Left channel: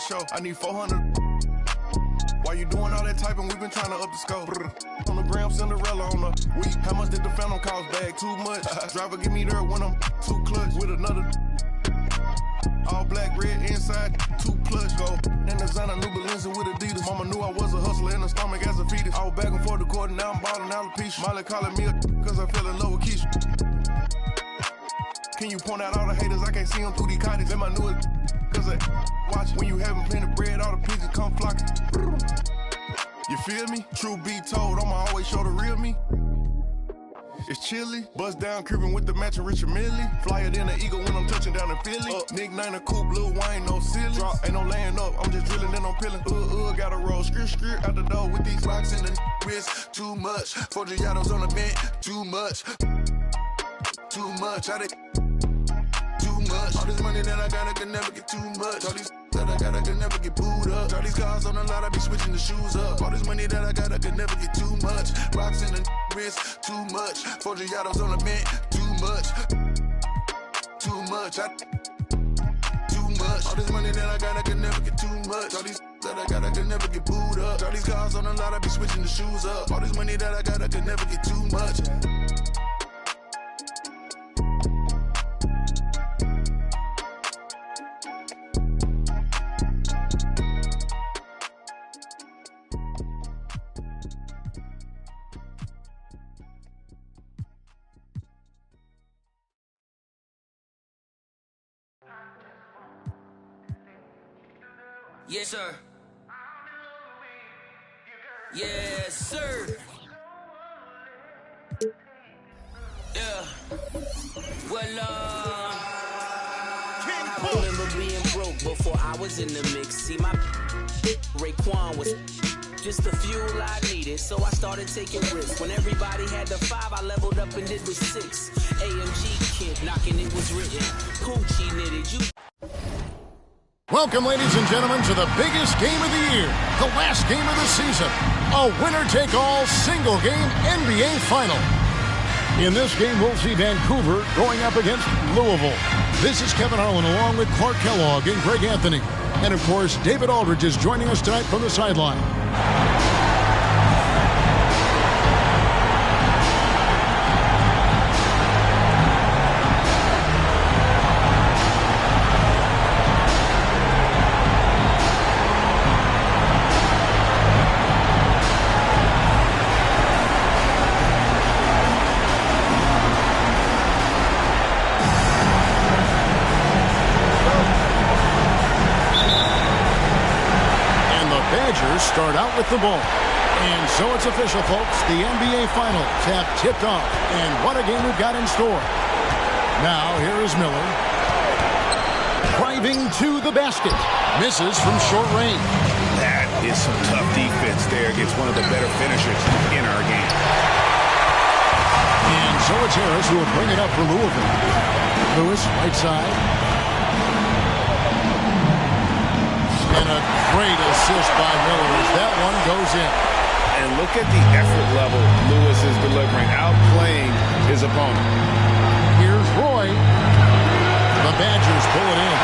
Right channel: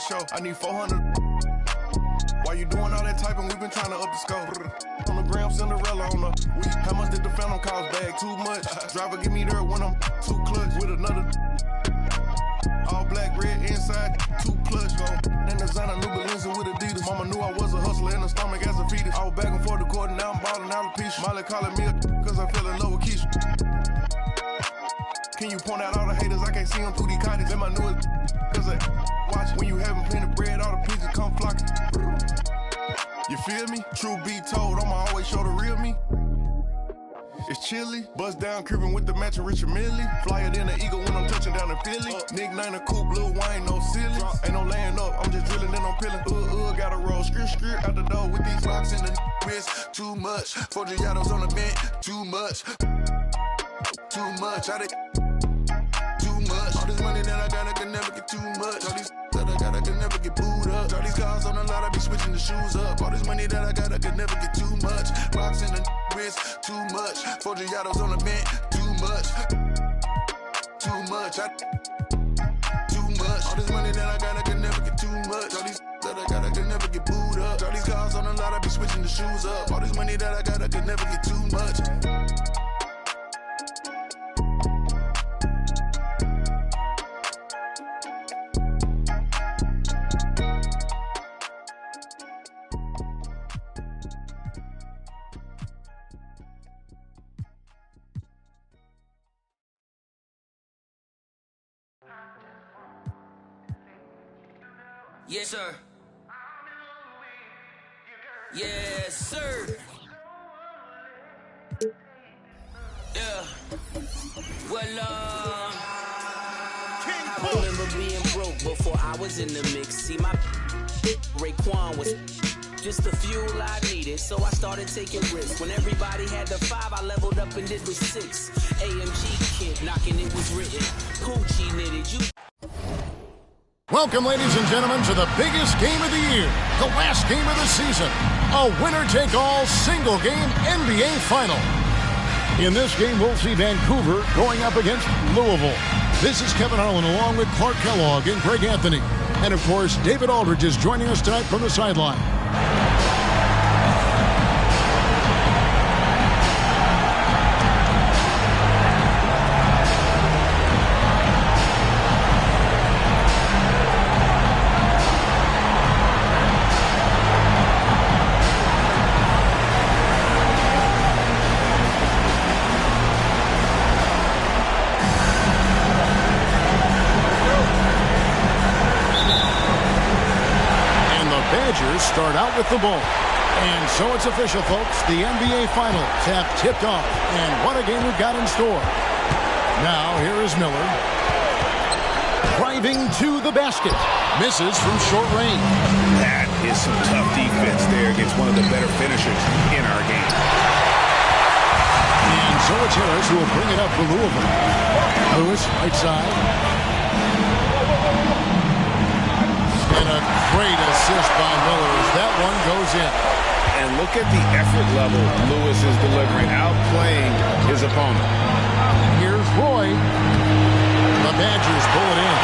show. I need 400. Why you doing all that typing? We've been trying to up the scope. On the gram, Cinderella on the week. How much did the phantom cost bag? Too much. Driver give me there when I'm too clutch with another. All black, red inside, too clutch go. And designer new Balenciaga with Adidas. Mama knew I was a hustler in the stomach as a fetus. I was back and forth the court and now I'm balling out of piece. Molly calling me cause I fell in love with Keisha. Can you point out all the haters? I can't see them through these cottage. And my newest cause I watch when you having plenty of bread, all the pigeons come flocking. You feel me? True be told, I'ma always show the real me. It's chilly, bust down cribbing with the matching Richard Millie. Flyer than an eagle when I'm touching down in Philly. Nick Nine a coupe, Lil Wayne, no silly. Ain't no laying up, I'm just drilling, then I'm peeling. Gotta roll, skirt out the door with these rocks in the wrist. Too much, 4 Giottos on the bench. Too much, too much. Too much. All this money that I got, I can never get too much. All these that I got, I can never get booed up. All these cars on the lot, I be switching the shoes up. All this money that I got, I can never get too much. Rocks in the wrist, too much. 4 Giottos on the bench, too much. Too much. Too much. All this money that I got, I can never get too much. All these that I got, I can never get booed up. All these cars on the lot, I be switching the shoes up. All this money that I got, I can never get too much. Yes, sir. Yes, sir. Yeah. Well, I remember being broke before I was in the mix. See, my Raekwon was just the fuel I needed, so I started taking risks. When everybody had the 5, I leveled up and did the 6. AMG kid knocking, it was written. Gucci knitted, you. Welcome, ladies and gentlemen, to the biggest game of the year, the last game of the season, a winner-take-all single-game NBA Final. In this game, we'll see Vancouver going up against Louisville. This is Kevin Harlan along with Clark Kellogg and Greg Anthony. And, of course, David Aldridge is joining us tonight from the sideline. Badgers start out with the ball. And so it's official, folks. The NBA Finals have tipped off. And what a game we've got in store. Now, here is Miller. Driving to the basket. Misses from short range. That is some tough defense there against one of the better finishers in our game. And so it's Harris who will bring it up for Louisville. Lewis, right side. And a great assist by Miller as that one goes in. And look at the effort level Lewis is delivering, outplaying his opponent. Here's Roy. The Badgers pull it in.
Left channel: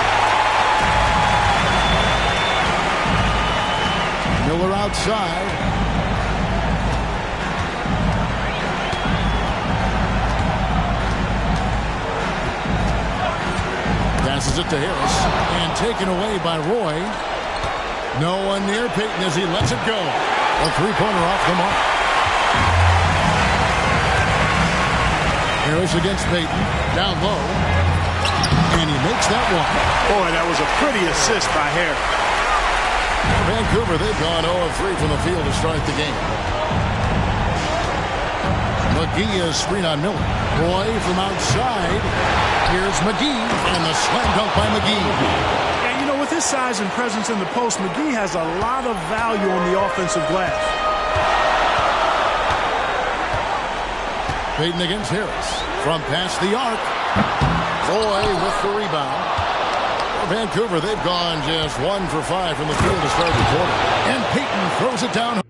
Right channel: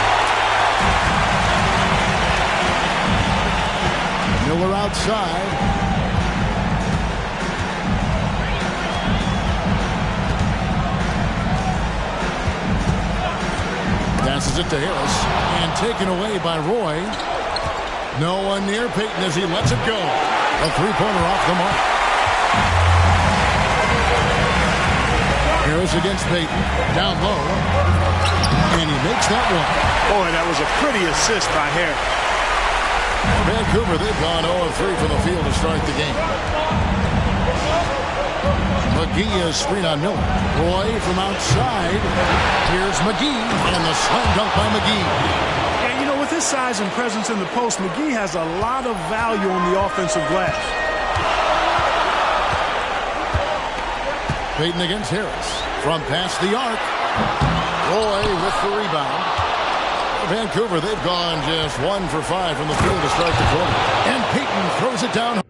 Miller outside. Passes it to Harris. And taken away by Roy. No one near Payton as he lets it go. A three-pointer off the mark. Harris against Payton. Down low. And he makes that one. Boy, that was a pretty assist by Harris. For Vancouver, they've gone 0 of 3 from the field to start the game. McGee is screen on Miller. Roy from outside. Here's McGee. And the slam dunk by McGee. Yeah, you know, with his size and presence in the post, McGee has a lot of value on the offensive glass. Payton against Harris. From past the arc. Roy with the rebound. For Vancouver, they've gone just 1 for 5 from the field to start the quarter. And Payton throws it down.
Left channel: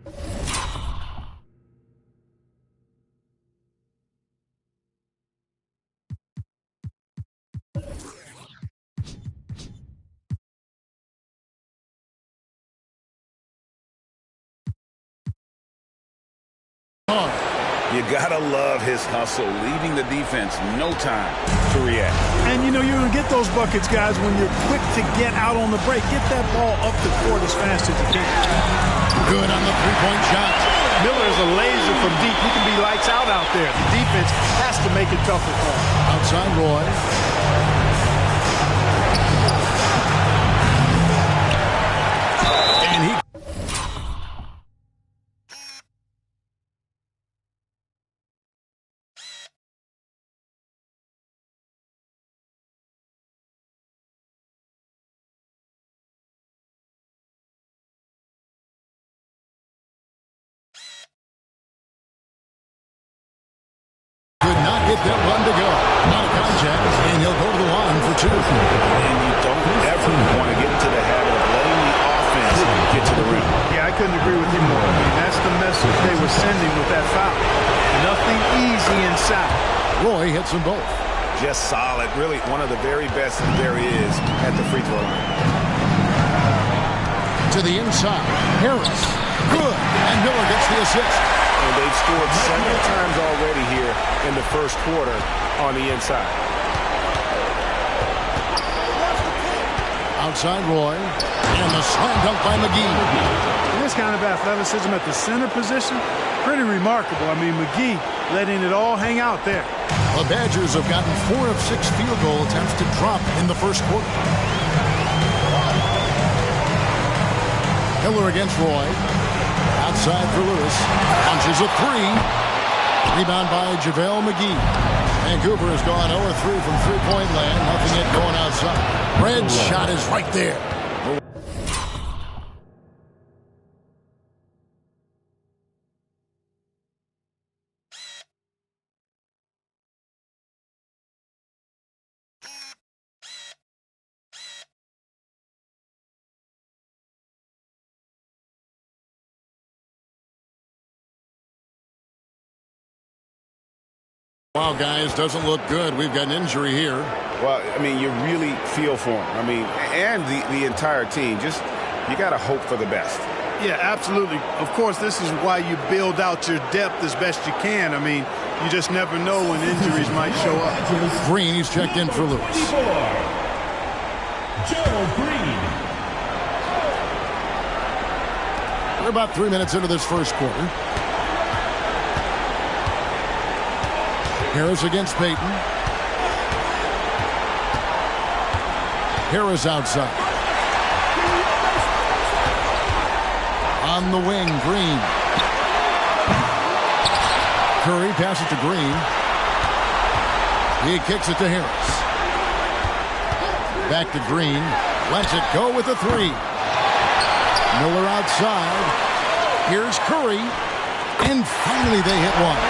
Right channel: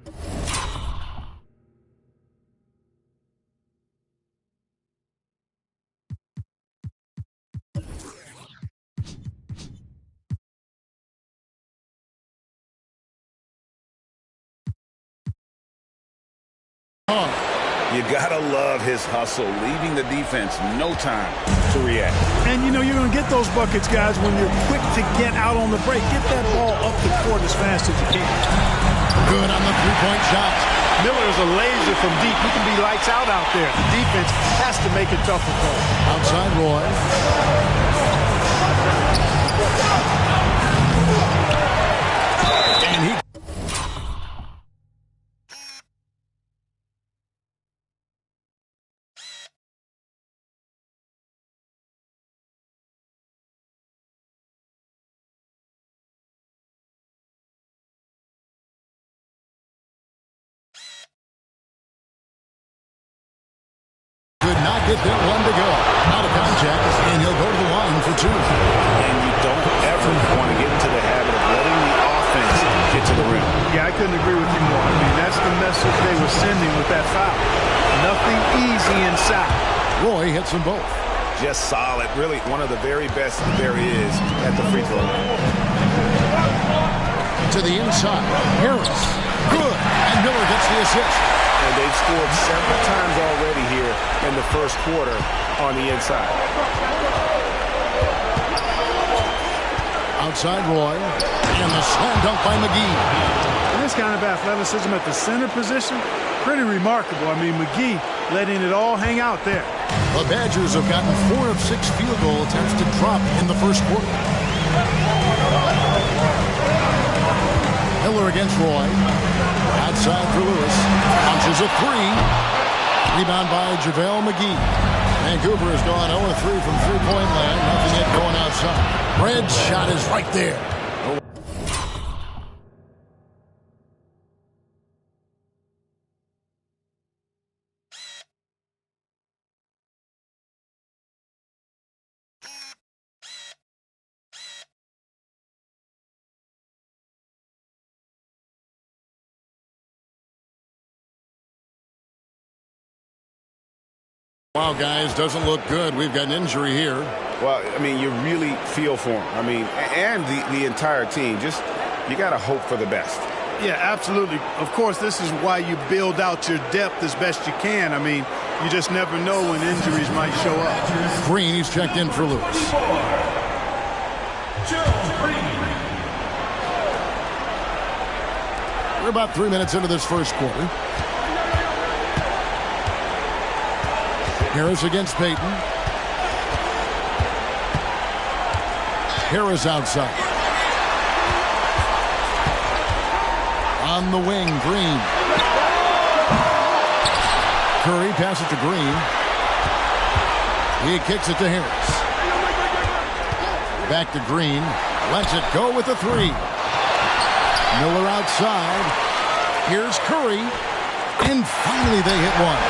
You gotta love his hustle, leaving the defense no time to react. And, you know, you're going to get those buckets, guys, when you're quick to get out on the break. Get that ball up the court as fast as you can. Good on the three-point shot. Miller is a laser from deep. He can be lights out there. The defense has to make it tougher for him. Outside Roy. And he... Could not get that one to go. Not a contact, and he'll go to the line for two. And you don't ever want to get into the habit of letting the offense get to the rim. Yeah, I couldn't agree with you more. I mean, that's the message they were sending with that foul. Nothing easy inside. Roy hits them both. Just solid. Really one of the very best there is at the free throw line. To the inside. Harris. Good. And Miller gets the assist. And they've scored several times already here in the first quarter on the inside. Outside Roy. And the slam dunk by McGee. And this kind of athleticism at the center position, pretty remarkable. I mean, McGee letting it all hang out there. The Badgers have gotten 4 of 6 field goal attempts to drop in the first quarter. Miller against Roy. Outside for Lewis. Punches a three. Rebound by JaVale McGee. Vancouver has gone 0-3 from three-point land. Nothing yet going outside. Red's shot is right there. Wow, guys, doesn't look good. We've got an injury here. Well, I mean, you really feel for him. I mean, and the entire team. Just, you got to hope for the best. Yeah, absolutely. Of course, this is why you build out your depth as best you can. I mean, you just never know when injuries might show up. Green, he's checked in for Lewis. Gerald Green. We're about 3 minutes into this first quarter. Harris against Payton. Harris outside. On the wing, Green. Curry passes to Green. He kicks it to Harris. Back to Green. Lets it go with a three. Miller outside. Here's Curry. And finally they hit one.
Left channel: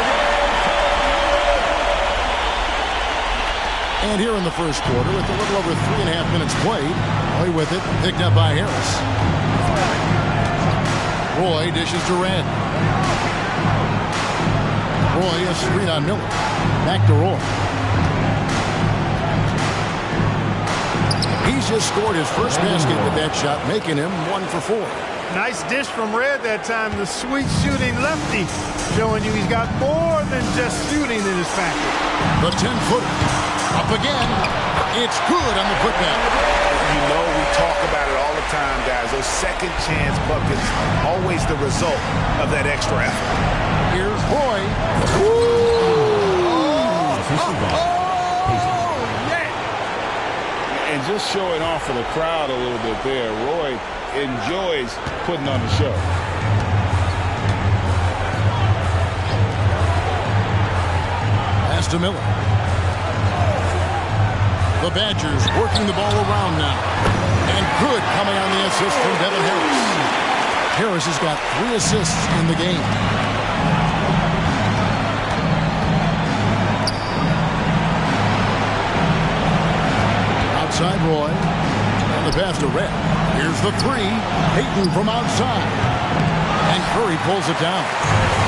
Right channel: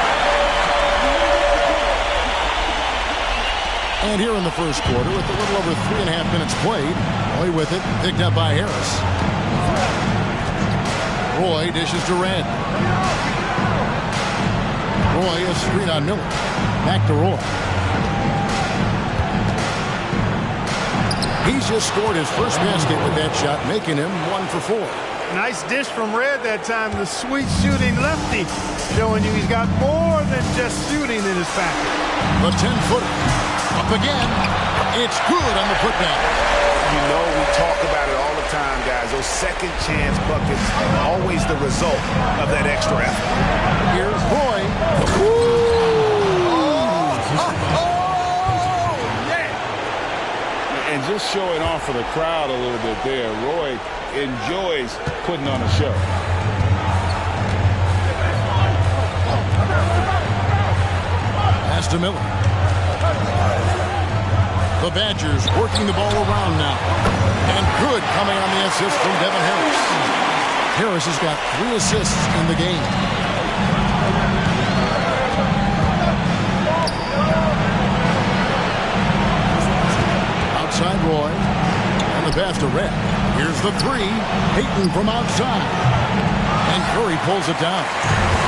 And here in the first quarter, with a little over 3.5 minutes played, Roy with it, picked up by Harris. Roy dishes to Red. Roy, a screen on Miller. Back to Roy. He's just scored his first basket with that shot, making him 1 for 4. Nice dish from Red that time. The sweet shooting lefty, showing you he's got more than just shooting in his package. The 10-footer. Up again. It's good on the putback. You know, we talk about it all the time, guys. Those second chance buckets, always the result of that extra effort. Here's Roy. Yeah! And just showing off for the crowd a little bit there. Roy enjoys putting on a show. Pass to Miller. The Badgers working the ball around now. And good coming on the assist from Devin Harris. Harris has got 3 assists in the game. Outside Roy. And the pass to Red. Here's the three. Payton from outside. And Curry pulls it down.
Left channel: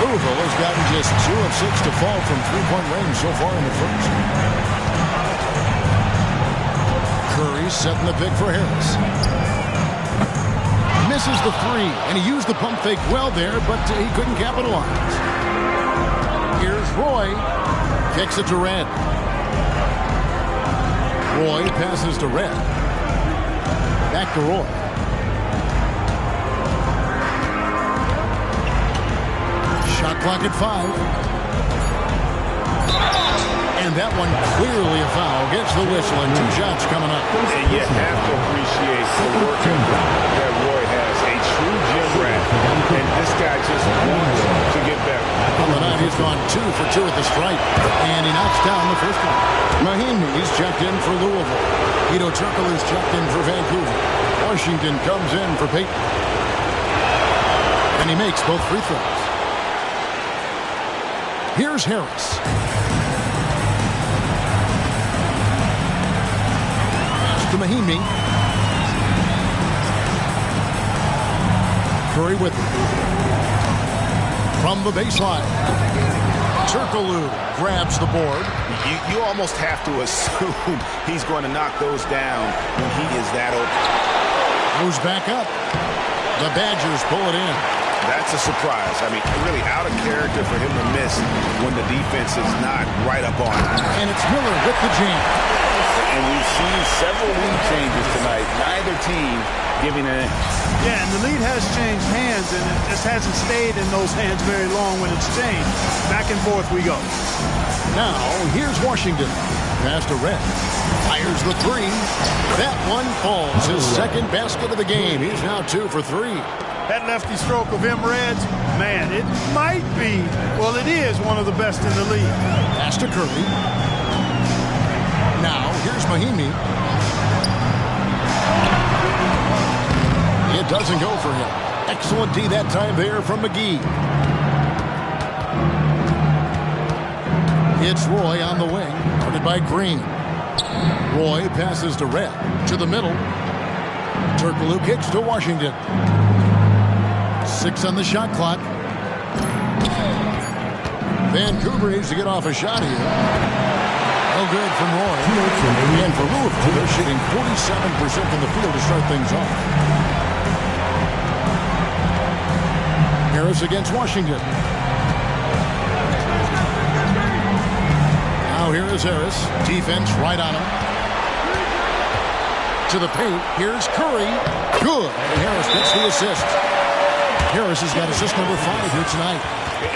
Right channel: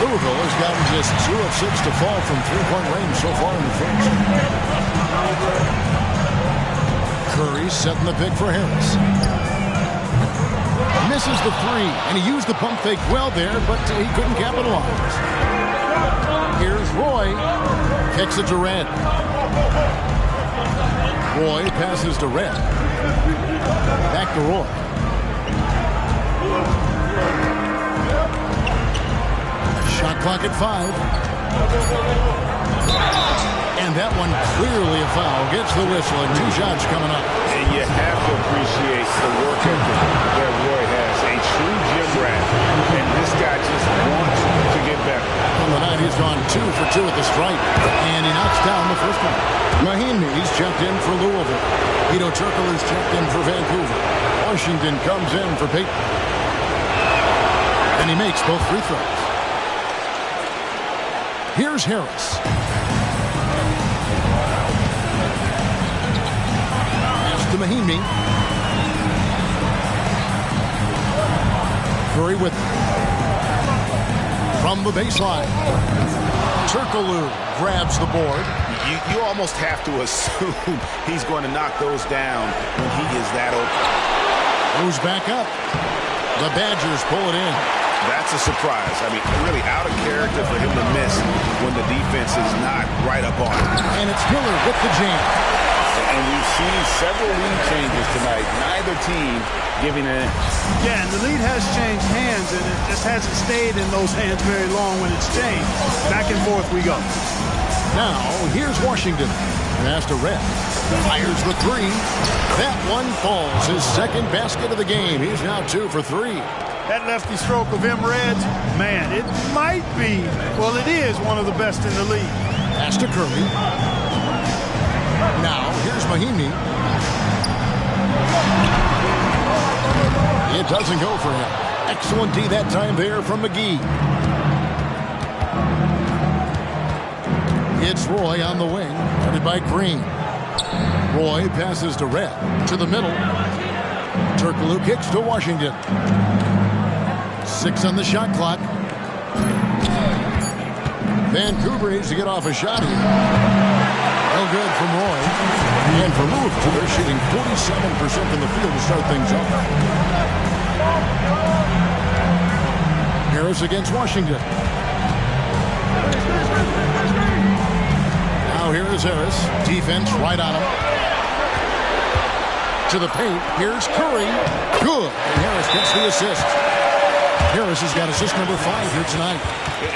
Louisville has gotten just 2 of 6 to fall from three-point range so far in the first. Curry setting the pick for Harris. Misses the three, and he used the pump fake well there, but he couldn't capitalize. Here's Roy. Kicks it to Red. Roy passes to Red. Back to Roy. Shot clock at 5. And that one clearly a foul. Gets the whistle and 2 shots coming up. And you have to appreciate the work ethic that Roy has. A true gym rat. And this guy just wants to get better. On the night, he's gone 2 for 2 at the stripe. And he knocks down the first one. Mahinmi's checked in for Louisville. Hedo Turkoglu is checked in for Vancouver. Washington comes in for Peyton. And he makes both free throws. Here's Harris. To Mahinmi. Curry with it. From the baseline. Turkoglu grabs the board. You almost have to assume he's going to knock those down when he is that open. Moves back up. The Badgers pull it in. That's a surprise. I mean, really out of character for him to miss when the defense is not right up on him. And it's Miller with the jam. And we've seen several lead changes tonight. Neither team giving an inch. Yeah, and the lead has changed hands, and it just hasn't stayed in those hands very long when it's changed. Back and forth we go. Now, here's Washington. Pass to Red. Fires the 3. That one falls. His second basket of the game. He's now 2 for 3. That lefty stroke of Reds, man, it might be, well, it is one of the best in the league. Pass to Curry. Now, here's Mahinmi. It doesn't go for him. Excellent D that time there from McGee. It's Roy on the wing, guarded by Green. Roy passes to Red, to the middle. Turkoglu kicks to Washington. 6 on the shot clock. Vancouver needs to get off a shot here. No good from Roy. And for Louisville, they're shooting 47% from the field to start things off. Harris against Washington. Now here is Harris. Defense right on him. To the paint. Here's Curry. Good. And Harris gets the assist. Harris has got assist number 5 here tonight.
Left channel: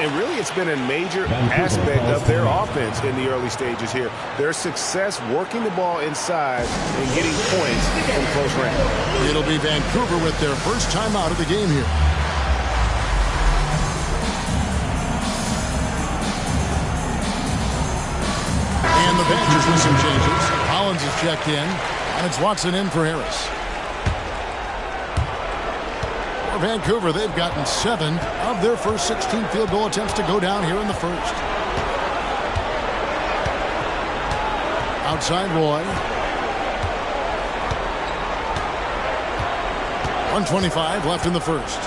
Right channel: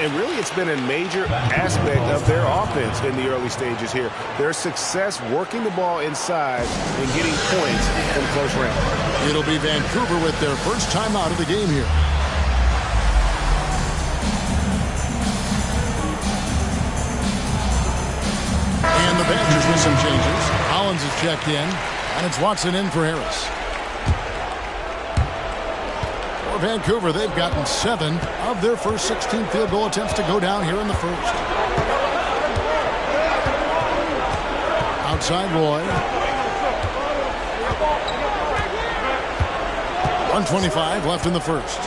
And really, it's been a major aspect of their offense in the early stages here. Their success working the ball inside and getting points from close range. It'll be Vancouver with their first time out of the game here. And the Badgers with some changes. Hollins is checked in, and it's Watson in for Harris. For Vancouver, they've gotten 7 of their first 16 field goal attempts to go down here in the first. Outside Roy. 1:25 left in the first.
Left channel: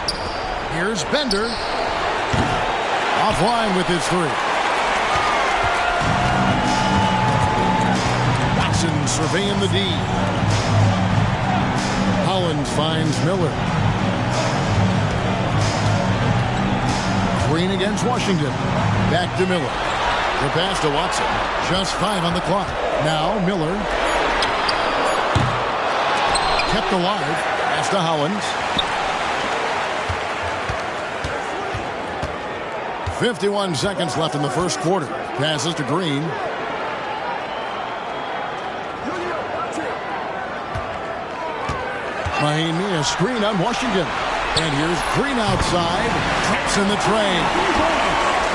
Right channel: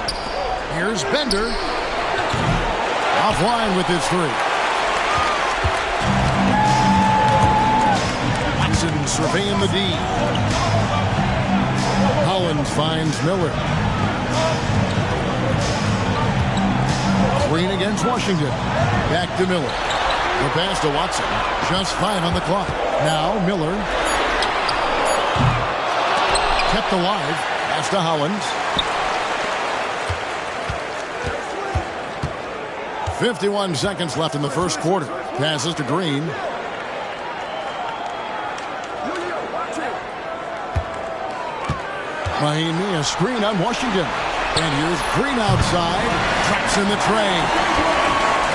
Here's Bender. Offline with his 3. Watson surveying the D. Hollins finds Miller. Green against Washington. Back to Miller. The pass to Watson. Just 5 on the clock. Now Miller. Kept alive. Pass to Hollins. 51 seconds left in the first quarter. Passes to Green. Mahinmi, a screen on Washington. And here's Green outside. Traps in the train.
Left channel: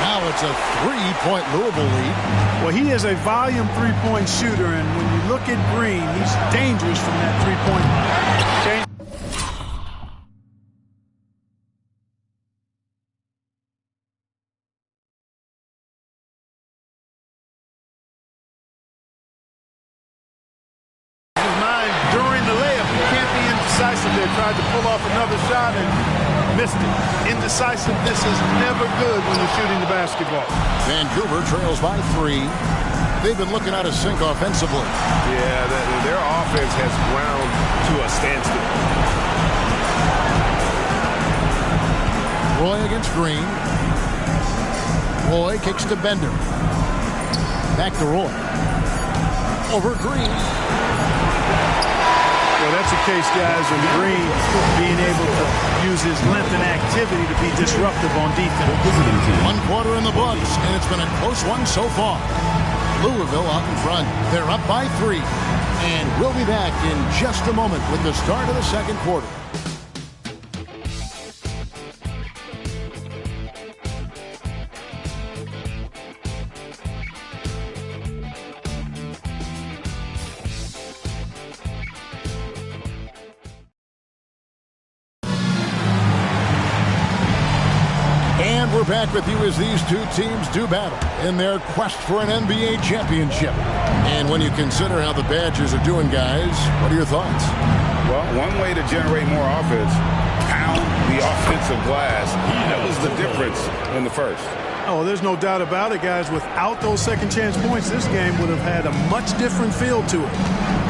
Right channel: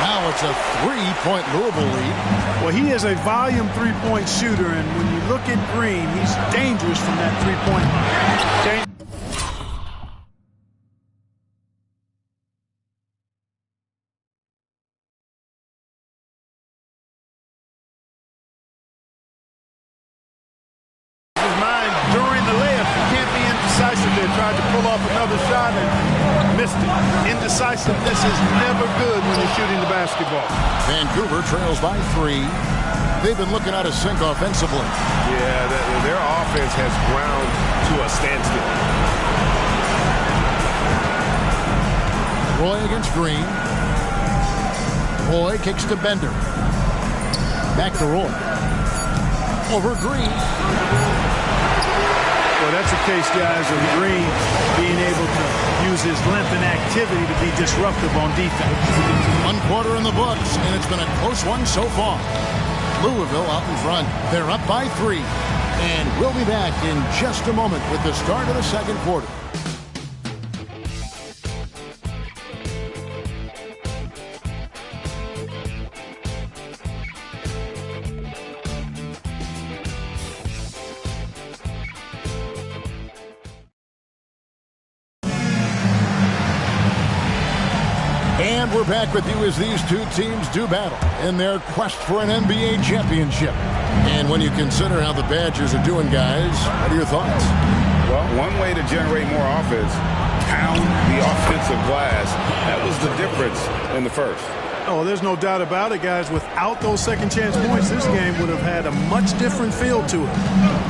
Now it's a 3-point Louisville lead. Well, he is a volume 3-point shooter, and when you look at Green, he's dangerous from that 3-point line. His mind during the layup, you can't be indecisive there. Tried to pull off another shot and missed it. Indecisiveness is never good when you're shooting the basketball. Vancouver trails by 3. They've been looking out of sync offensively. Yeah, their offense has ground to a standstill. Roy against Green. Roy kicks to Bender. Back to Roy. Over Green. Well, that's the case, guys, of Green being able to use his length and activity to be disruptive on defense. 1 quarter in the books, and it's been a close one so far. Louisville out in front. They're up by 3. And we'll be back in just a moment with the start of the second quarter. And we're back with you as these two teams do battle in their quest for an NBA championship. And when you consider how the Badgers are doing, guys, what are your thoughts? Well, one way to generate more offense, pound the offensive glass. That was the difference in the first. Oh, there's no doubt about it, guys. Without those second chance points, this game would have had a much different feel to it.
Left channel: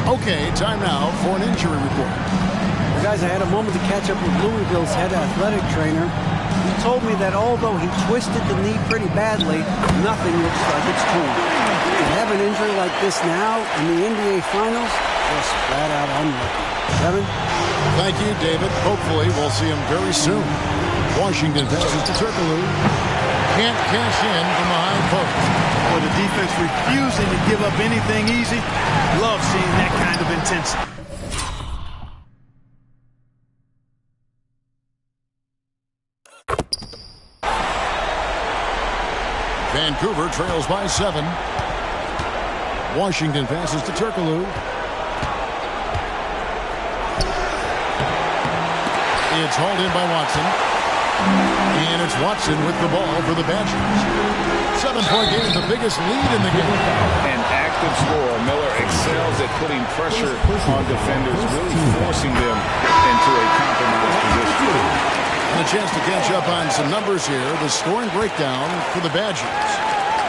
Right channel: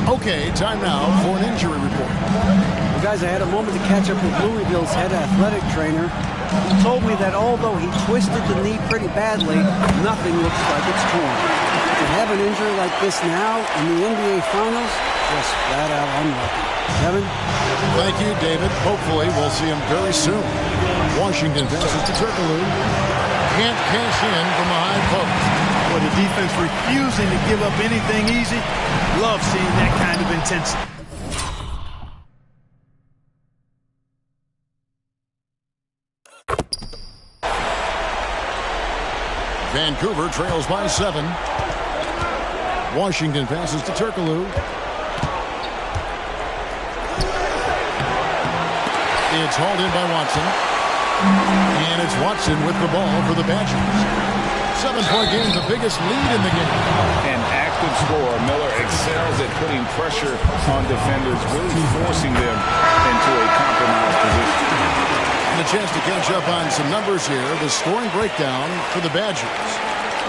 Okay, time now for an injury report. Well, guys, I had a moment to catch up with Louisville's head athletic trainer. He told me that although he twisted the knee pretty badly, nothing looks like it's torn. To have an injury like this now in the NBA Finals, just flat out unlucky. Kevin? Thank you, David. Hopefully we'll see him very soon. Washington passes to Turkoglu. Can't cash in from a high post. Well, the defense refusing to give up anything easy. Love seeing that kind of intensity. Vancouver trails by 7. Washington passes to Turkoglu. It's hauled in by Watson. And it's Watson with the ball for the Badgers. 7-point game, the biggest lead in the game. An active scorer. Miller excels at putting pressure on defenders, really forcing them into a compromised position. And a chance to catch up on some numbers here. The scoring breakdown for the Badgers.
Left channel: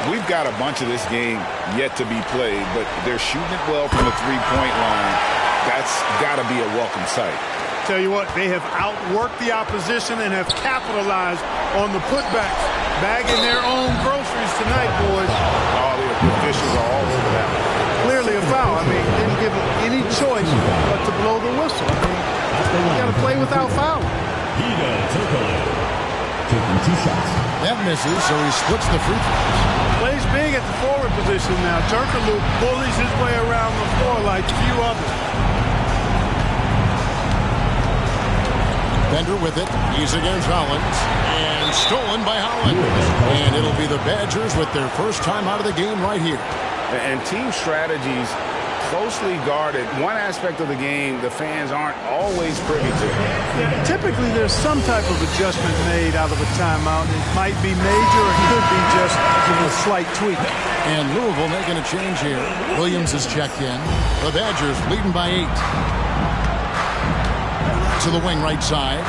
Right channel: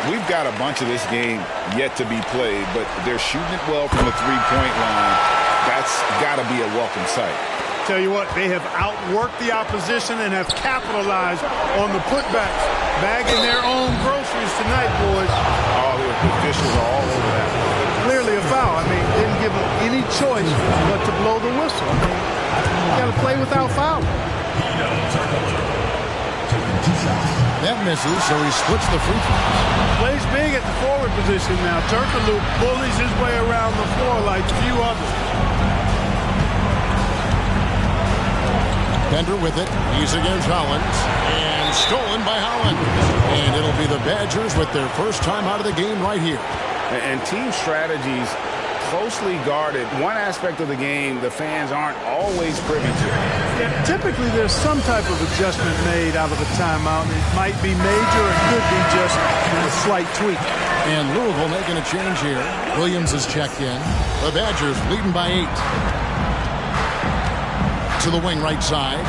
We've got a bunch of this game yet to be played, but they're shooting it well from the three-point line. That's got to be a welcome sight. Tell you what, they have outworked the opposition and have capitalized on the putbacks, bagging their own groceries tonight, boys. Oh, the officials are all over that one. Clearly a foul. I mean, didn't give them any choice but to blow the whistle. I mean, you got to play without fouling. Taking 2 shots. That misses, so he splits the free throws. Plays big at the forward position now. Turkoglu bullies his way around the floor like few others. Bender with it. He's against Hollins. And stolen by Hollins. And it'll be the Badgers with their first time out of the game right here. And team strategies closely guarded. One aspect of the game the fans aren't always privy to. Yeah, typically there's some type of adjustment made out of a timeout. It might be major, it could be just a slight tweak. And Louisville making a change here. Williams is checked in. The Badgers leading by 8. To the wing right side.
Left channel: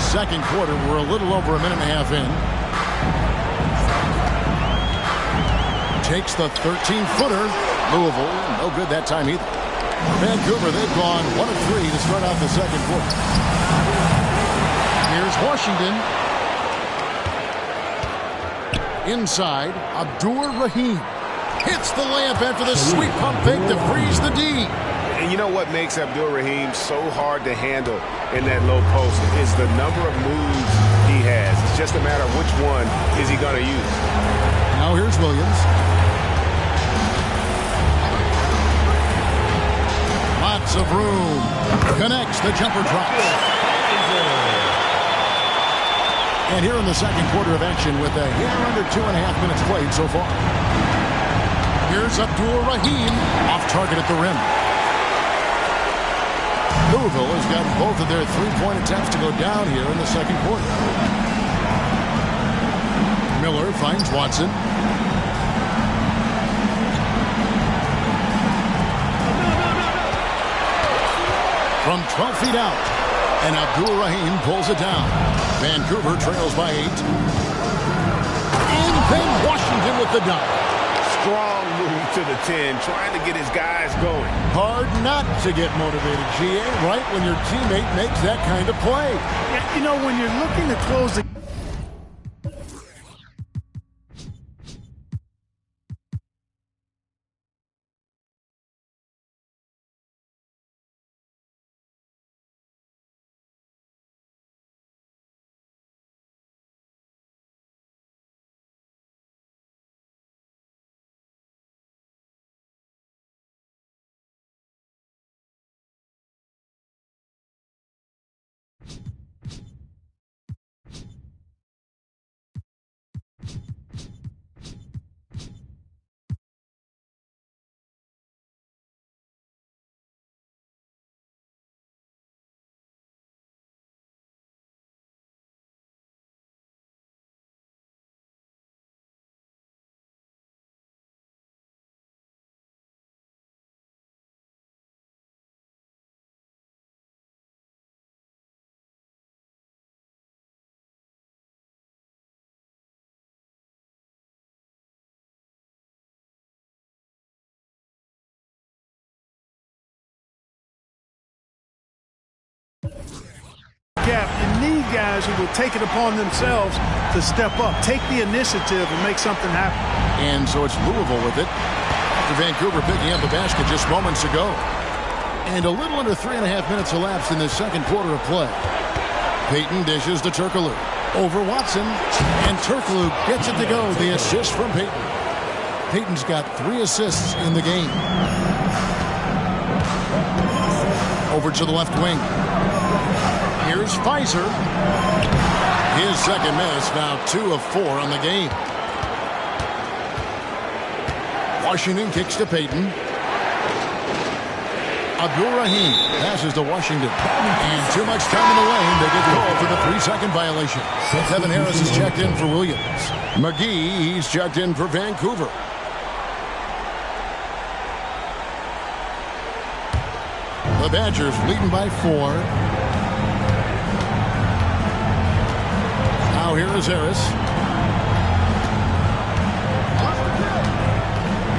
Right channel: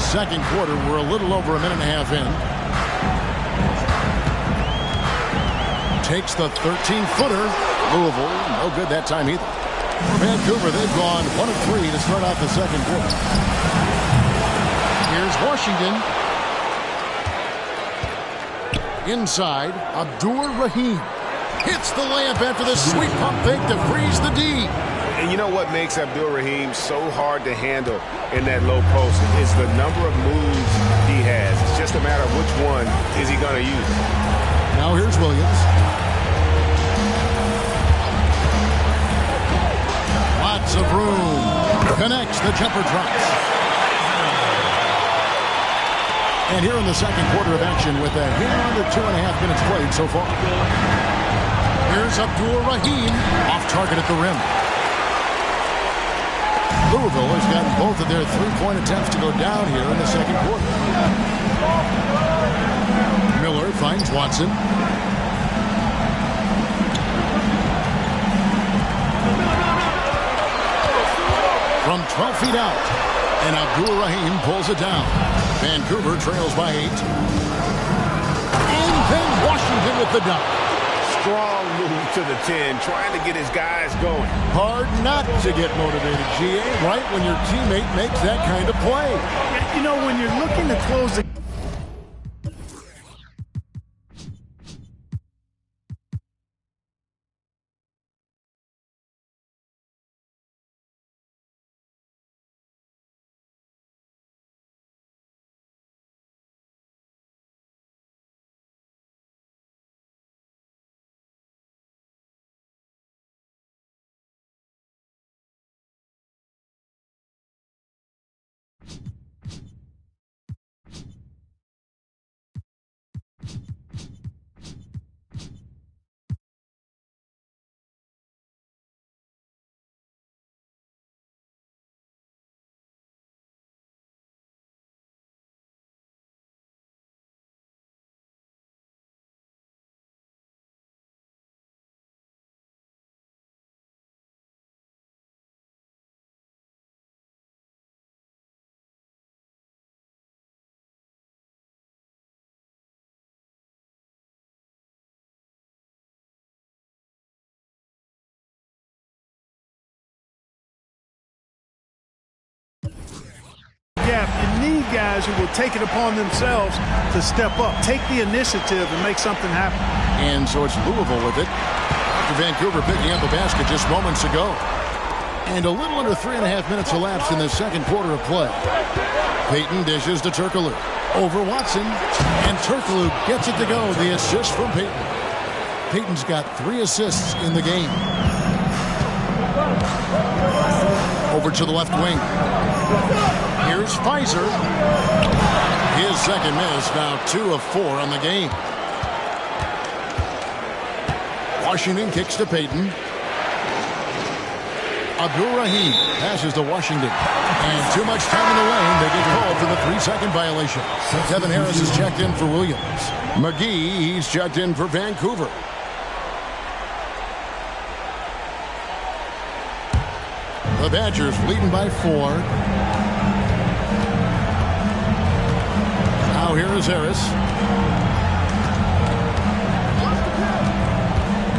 Second quarter, we're a little over a minute and a half in. Takes the 13-footer. Louisville, no good that time either. For Vancouver, they've gone 1 of 3 to start out the second quarter. Here's Washington. Inside, Abdur-Rahim hits the layup after the sweep pump fake to freeze the D. And you know what makes Abdur-Rahim so hard to handle in that low post is the number of moves he has. It's just a matter of which one is he going to use. Now here's Williams. Lots of room. Connects, the jumper drops. And here in the second quarter of action with a hair under 2.5 minutes played so far. Here's Abdur-Rahim off target at the rim. Louisville has gotten both of their three-point attempts to go down here in the second quarter. Miller finds Watson. From 12 feet out. And Abdur-Rahim pulls it down. Vancouver trails by 8. And then Washington with the dunk. Strong move to the 10, trying to get his guys going. Hard not to get motivated, GA, right when your teammate makes that kind of play. Yeah, you know, when you're looking to close the gap, you need guys who will take it upon themselves to step up, take the initiative, and make something happen. And so it's Louisville with it after Vancouver picking up a basket just moments ago. And a little under 3.5 minutes elapsed in the second quarter of play. Payton dishes to Turkoglu. Over Watson. And Turkoglu gets it to go. The assist from Payton. Payton's got 3 assists in the game. Over to the left wing. Here's Pfizer. His second miss, now 2 of 4 on the game. Washington kicks to Payton. Abdul-Rahim passes to Washington. And too much time in the lane. They get called for the 3-second violation. Kevin Harris is checked in for Williams. McGee, he's checked in for Vancouver. The Badgers leading by 4. Now here is Harris.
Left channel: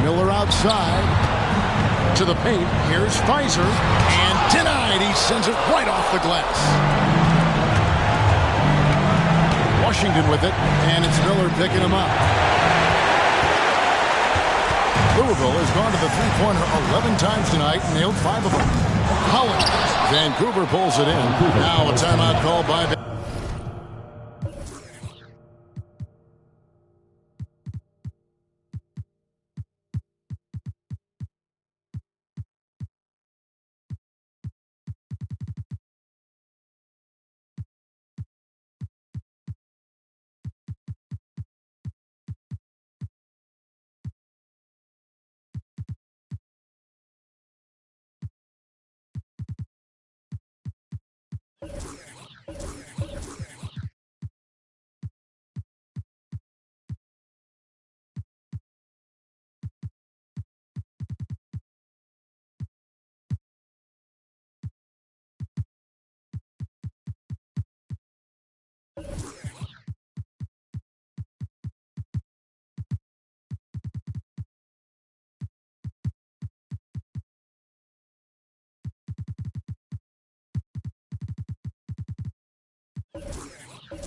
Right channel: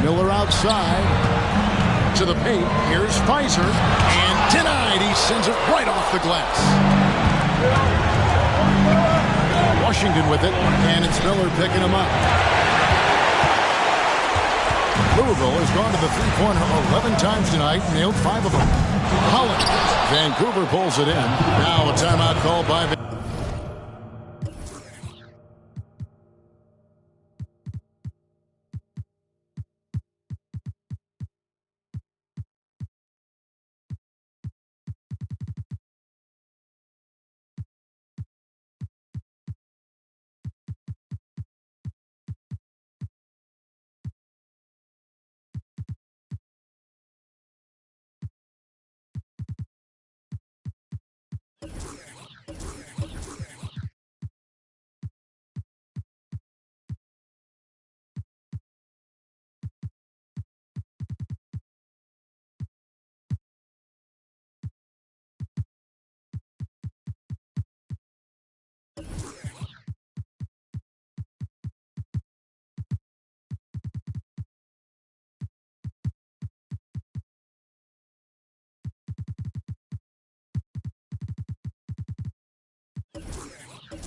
Miller outside. To the paint. Here's Pfizer. And denied. He sends it right off the glass. Washington with it. And it's Miller picking him up. Louisville has gone to the three-pointer 11 times tonight and nailed 5 of them. Holland. Vancouver pulls it in. Now a timeout called by Vancouver.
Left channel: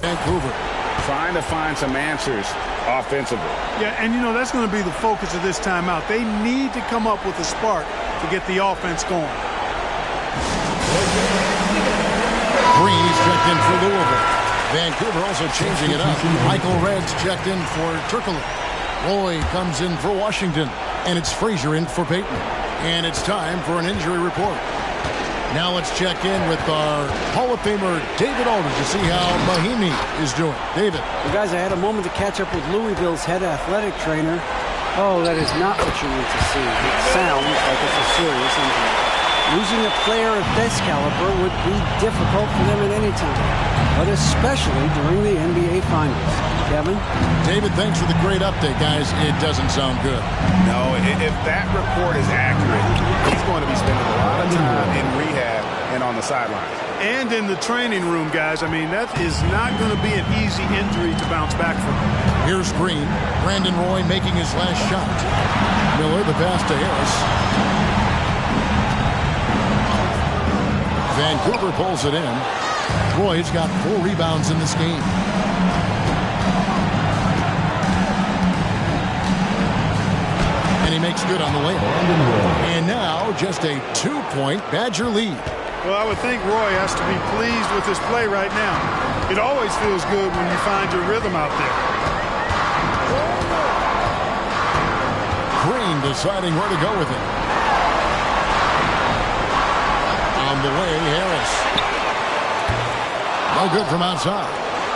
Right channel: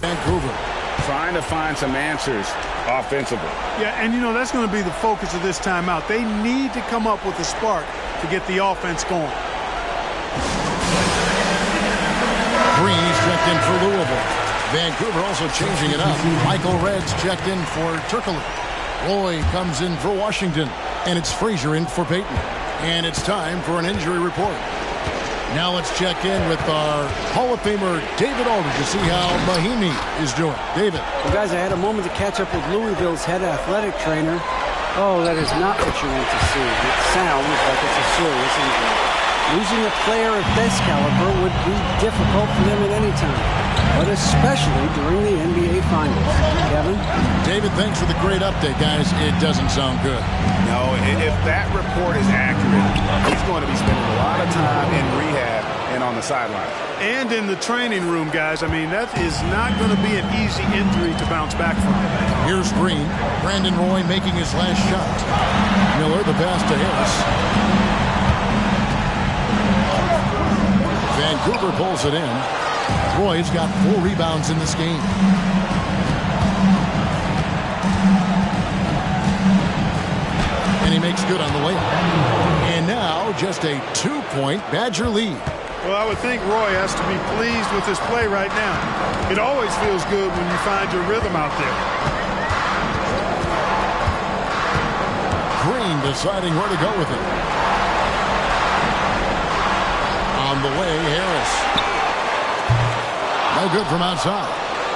Vancouver trying to find some answers offensively. Yeah, and you know, that's going to be the focus of this timeout. They need to come up with a spark to get the offense going. Green, he's checked in for Louisville. Vancouver also changing it up. Michael Red's checked in for Turkoglu. Roy comes in for Washington. And it's Frazier in for Payton. And it's time for an injury report. Now let's check in with our Hall of Famer David Aldridge to see how Mahinmi is doing. David. Well, guys, I had a moment to catch up with Louisville's head athletic trainer. Oh, that is not what you want to see. It sounds like it's a serious injury. Losing a player of this caliber would be difficult for them at any time, but especially during the NBA Finals. Kevin? David, thanks for the great update, guys. It doesn't sound good. No, if that report is accurate, he's going to be spending a lot of time in rehab and on the sidelines. And in the training room, guys. I mean, that is not going to be an easy injury to bounce back from. Here's Green. Brandon Roy making his last shot. Miller, the pass to Harris. Vancouver pulls it in. Roy's got 4 rebounds in this game. And he makes good on the layup. And now just a 2-point Badger lead. Well, I would think Roy has to be pleased with his play right now. It always feels good when you find your rhythm out there. Green deciding where to go with it. On the way, Harris. No good from outside.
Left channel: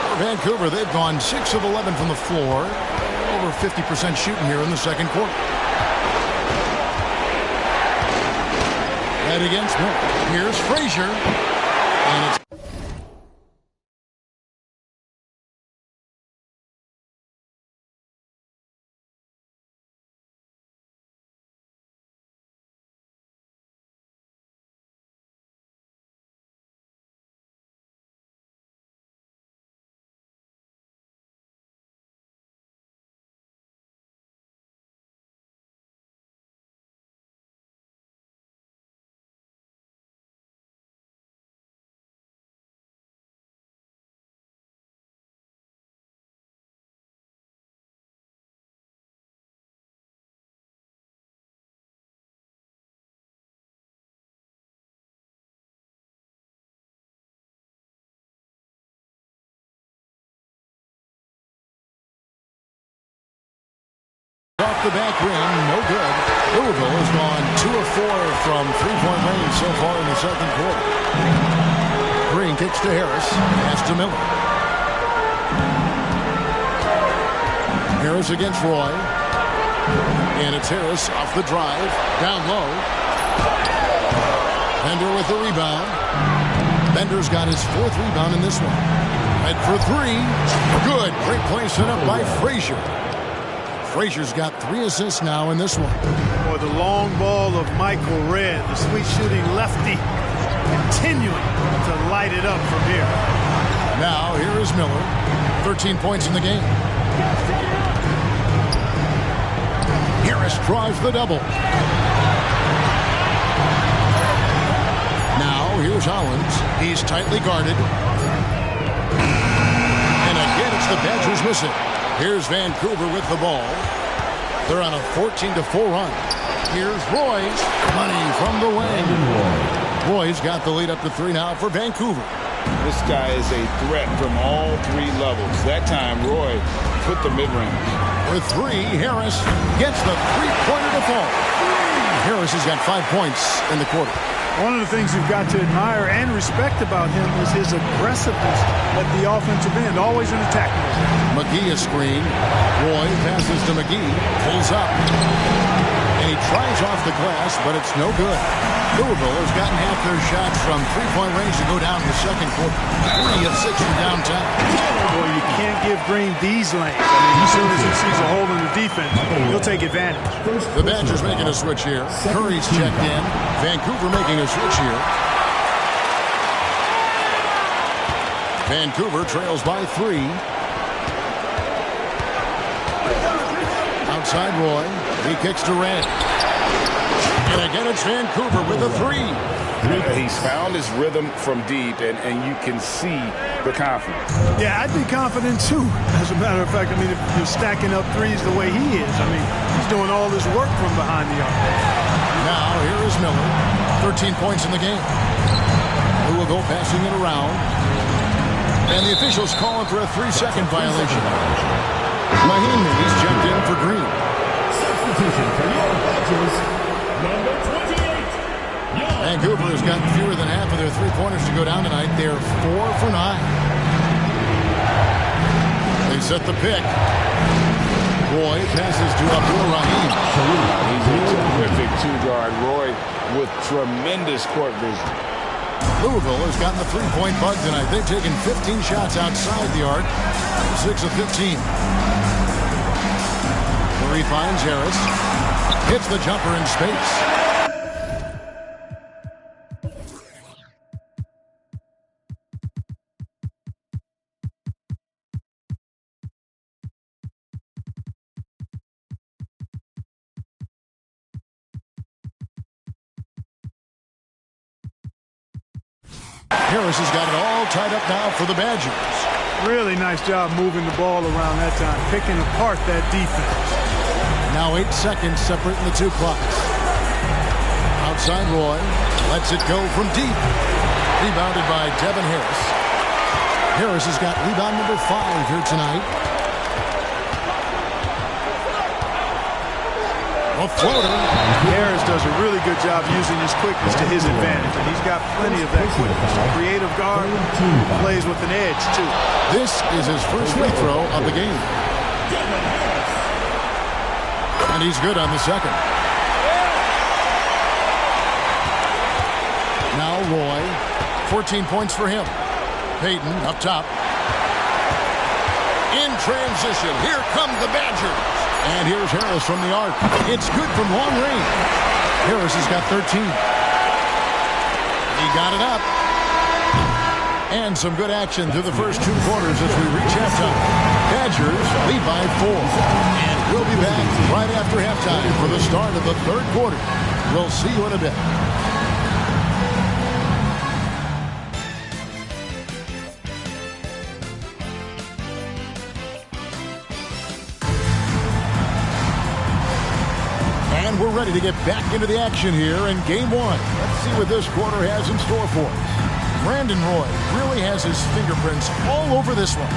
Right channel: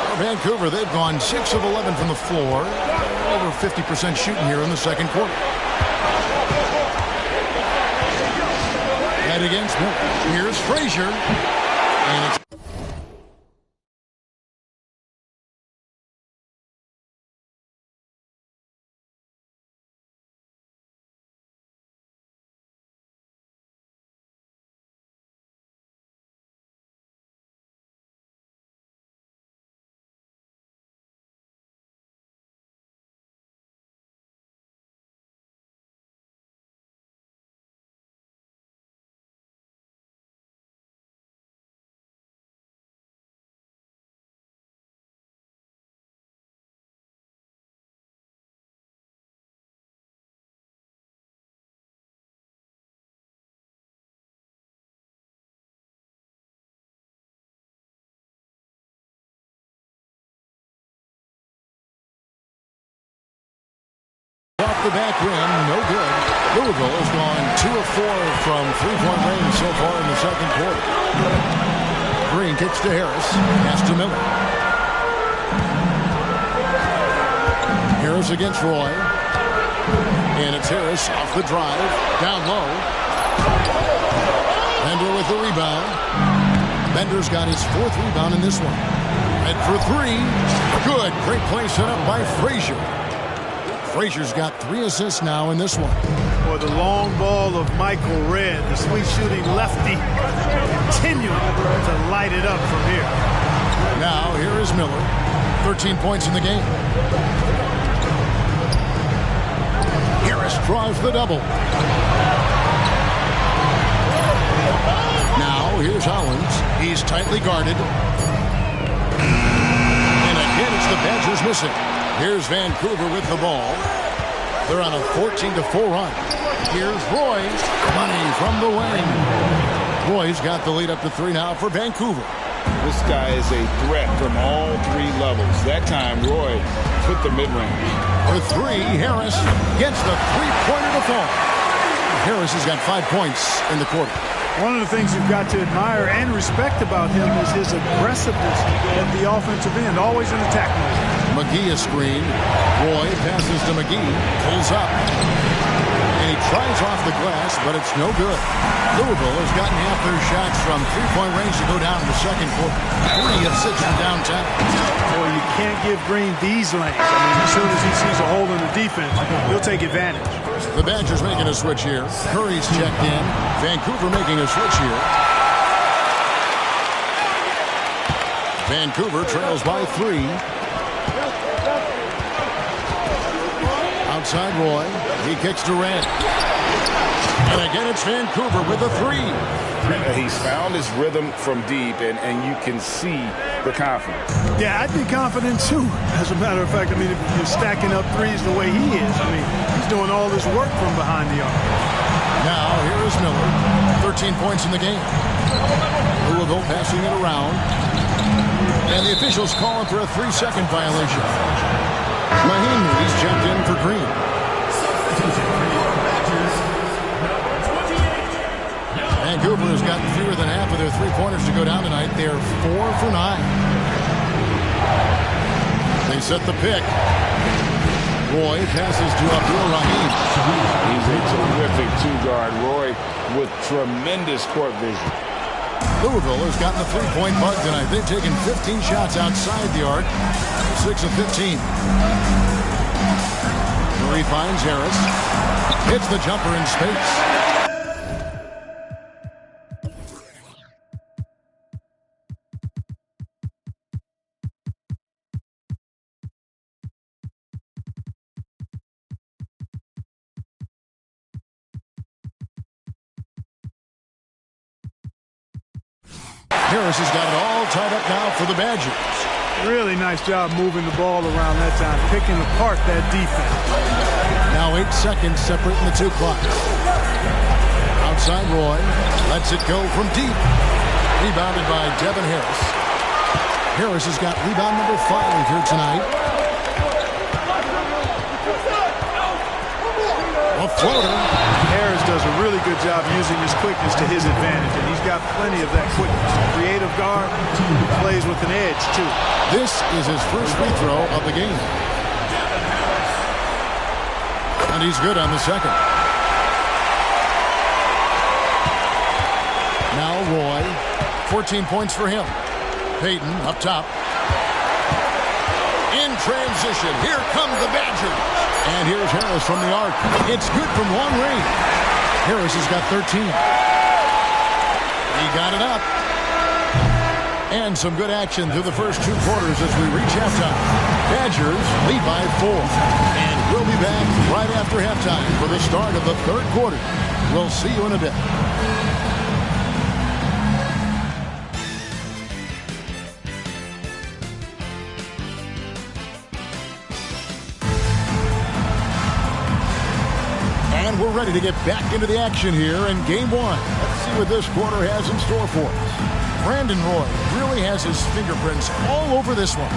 For Vancouver, they've gone 6 of 11 from the floor. Over 50% shooting here in the second quarter. Head against Miller. Here's Frazier. And it's off the back rim, no good. Louisville has gone 2 of 4 from three-point range so far in the second quarter. Green kicks to Harris, pass to Miller. Harris against Roy. And it's Harris off the drive, down low. Bender with the rebound. Bender's got his 4th rebound in this one. Red for 3. Good. Great play set up by Frazier. Frazier's got 3 assists now in this one. Boy, the long ball of Michael Redd, the sweet shooting lefty, continuing to light it up from here. Now, here is Miller. 13 points in the game. Harris drives the double. Now, here's Hollins. He's tightly guarded. And again, it's the Badgers missing. Here's Vancouver with the ball. They're on a 14-4 run. Here's Roy. Money from the wing. Roy's got the lead up to 3 now for Vancouver. This guy is a threat from all 3 levels. That time, Roy put the mid-range. For 3, Harris gets the three-pointer to fall. Harris has got 5 points in the quarter. One of the things you've got to admire and respect about him is his aggressiveness at the offensive end, always in attack mode. McGee a screen. Roy passes to McGee, pulls up. And he tries off the glass, but it's no good. Louisville has gotten half their shots from three-point range to go down in the second quarter. 3 of 6 from downtown. Boy, you can't give Green these lanes. I mean, as soon as he sees a hole in the defense, he'll take advantage. The Badgers making a switch here. Curry's checked in. Vancouver making a switch here. Vancouver trails by 3. Outside Roy. He kicks to Redd. And again, it's Vancouver with a 3. He's found his rhythm from deep, and you can see the confidence. Yeah, I'd be confident, too. As a matter of fact, I mean, if you're stacking up threes the way he is, I mean, he's doing all this work from behind the arc. Now, here is Miller. 13 points in the game. Louisville passing it around. And the officials calling for a 3-second violation. Mahinmi's checked in for Green. Substitution for your Badgers, number 28. Vancouver has gotten fewer than half of their three-pointers to go down tonight. They're 4 for 9. They set the pick. Roy passes to Abdul-Rahim. He's a terrific two-guard. Roy with tremendous court vision. Louisville has gotten the three-point bug tonight. They've taken 15 shots outside the arc, 6 of 15. Murray finds Harris. Hits the jumper in space. Harris has got it all tied up now for the Badgers. Really nice job moving the ball around that time, picking apart that defense. Now 8 seconds separating the two clocks. Outside Roy, lets it go from deep. Rebounded by Devin Harris. Harris has got rebound number 5 here tonight. A floater. Harris does a really good job using his quickness to his advantage, and he's got plenty of that quickness. A creative guard who plays with an edge, too. This is his first free throw of the game. And he's good on the second. Now Roy, 14 points for him. Payton up top. In transition, here come the Badgers. And here's Harris from the arc. It's good from long range. Harris has got 13. He got it up. And some good action through the first 2 quarters as we reach halftime. Badgers lead by 4. And we'll be back right after halftime for the start of the 3rd quarter. We'll see you in a bit. And we're ready to get back into the action here in Game 1. Let's see what this quarter has in store for us. Brandon Roy really has his fingerprints all over this one.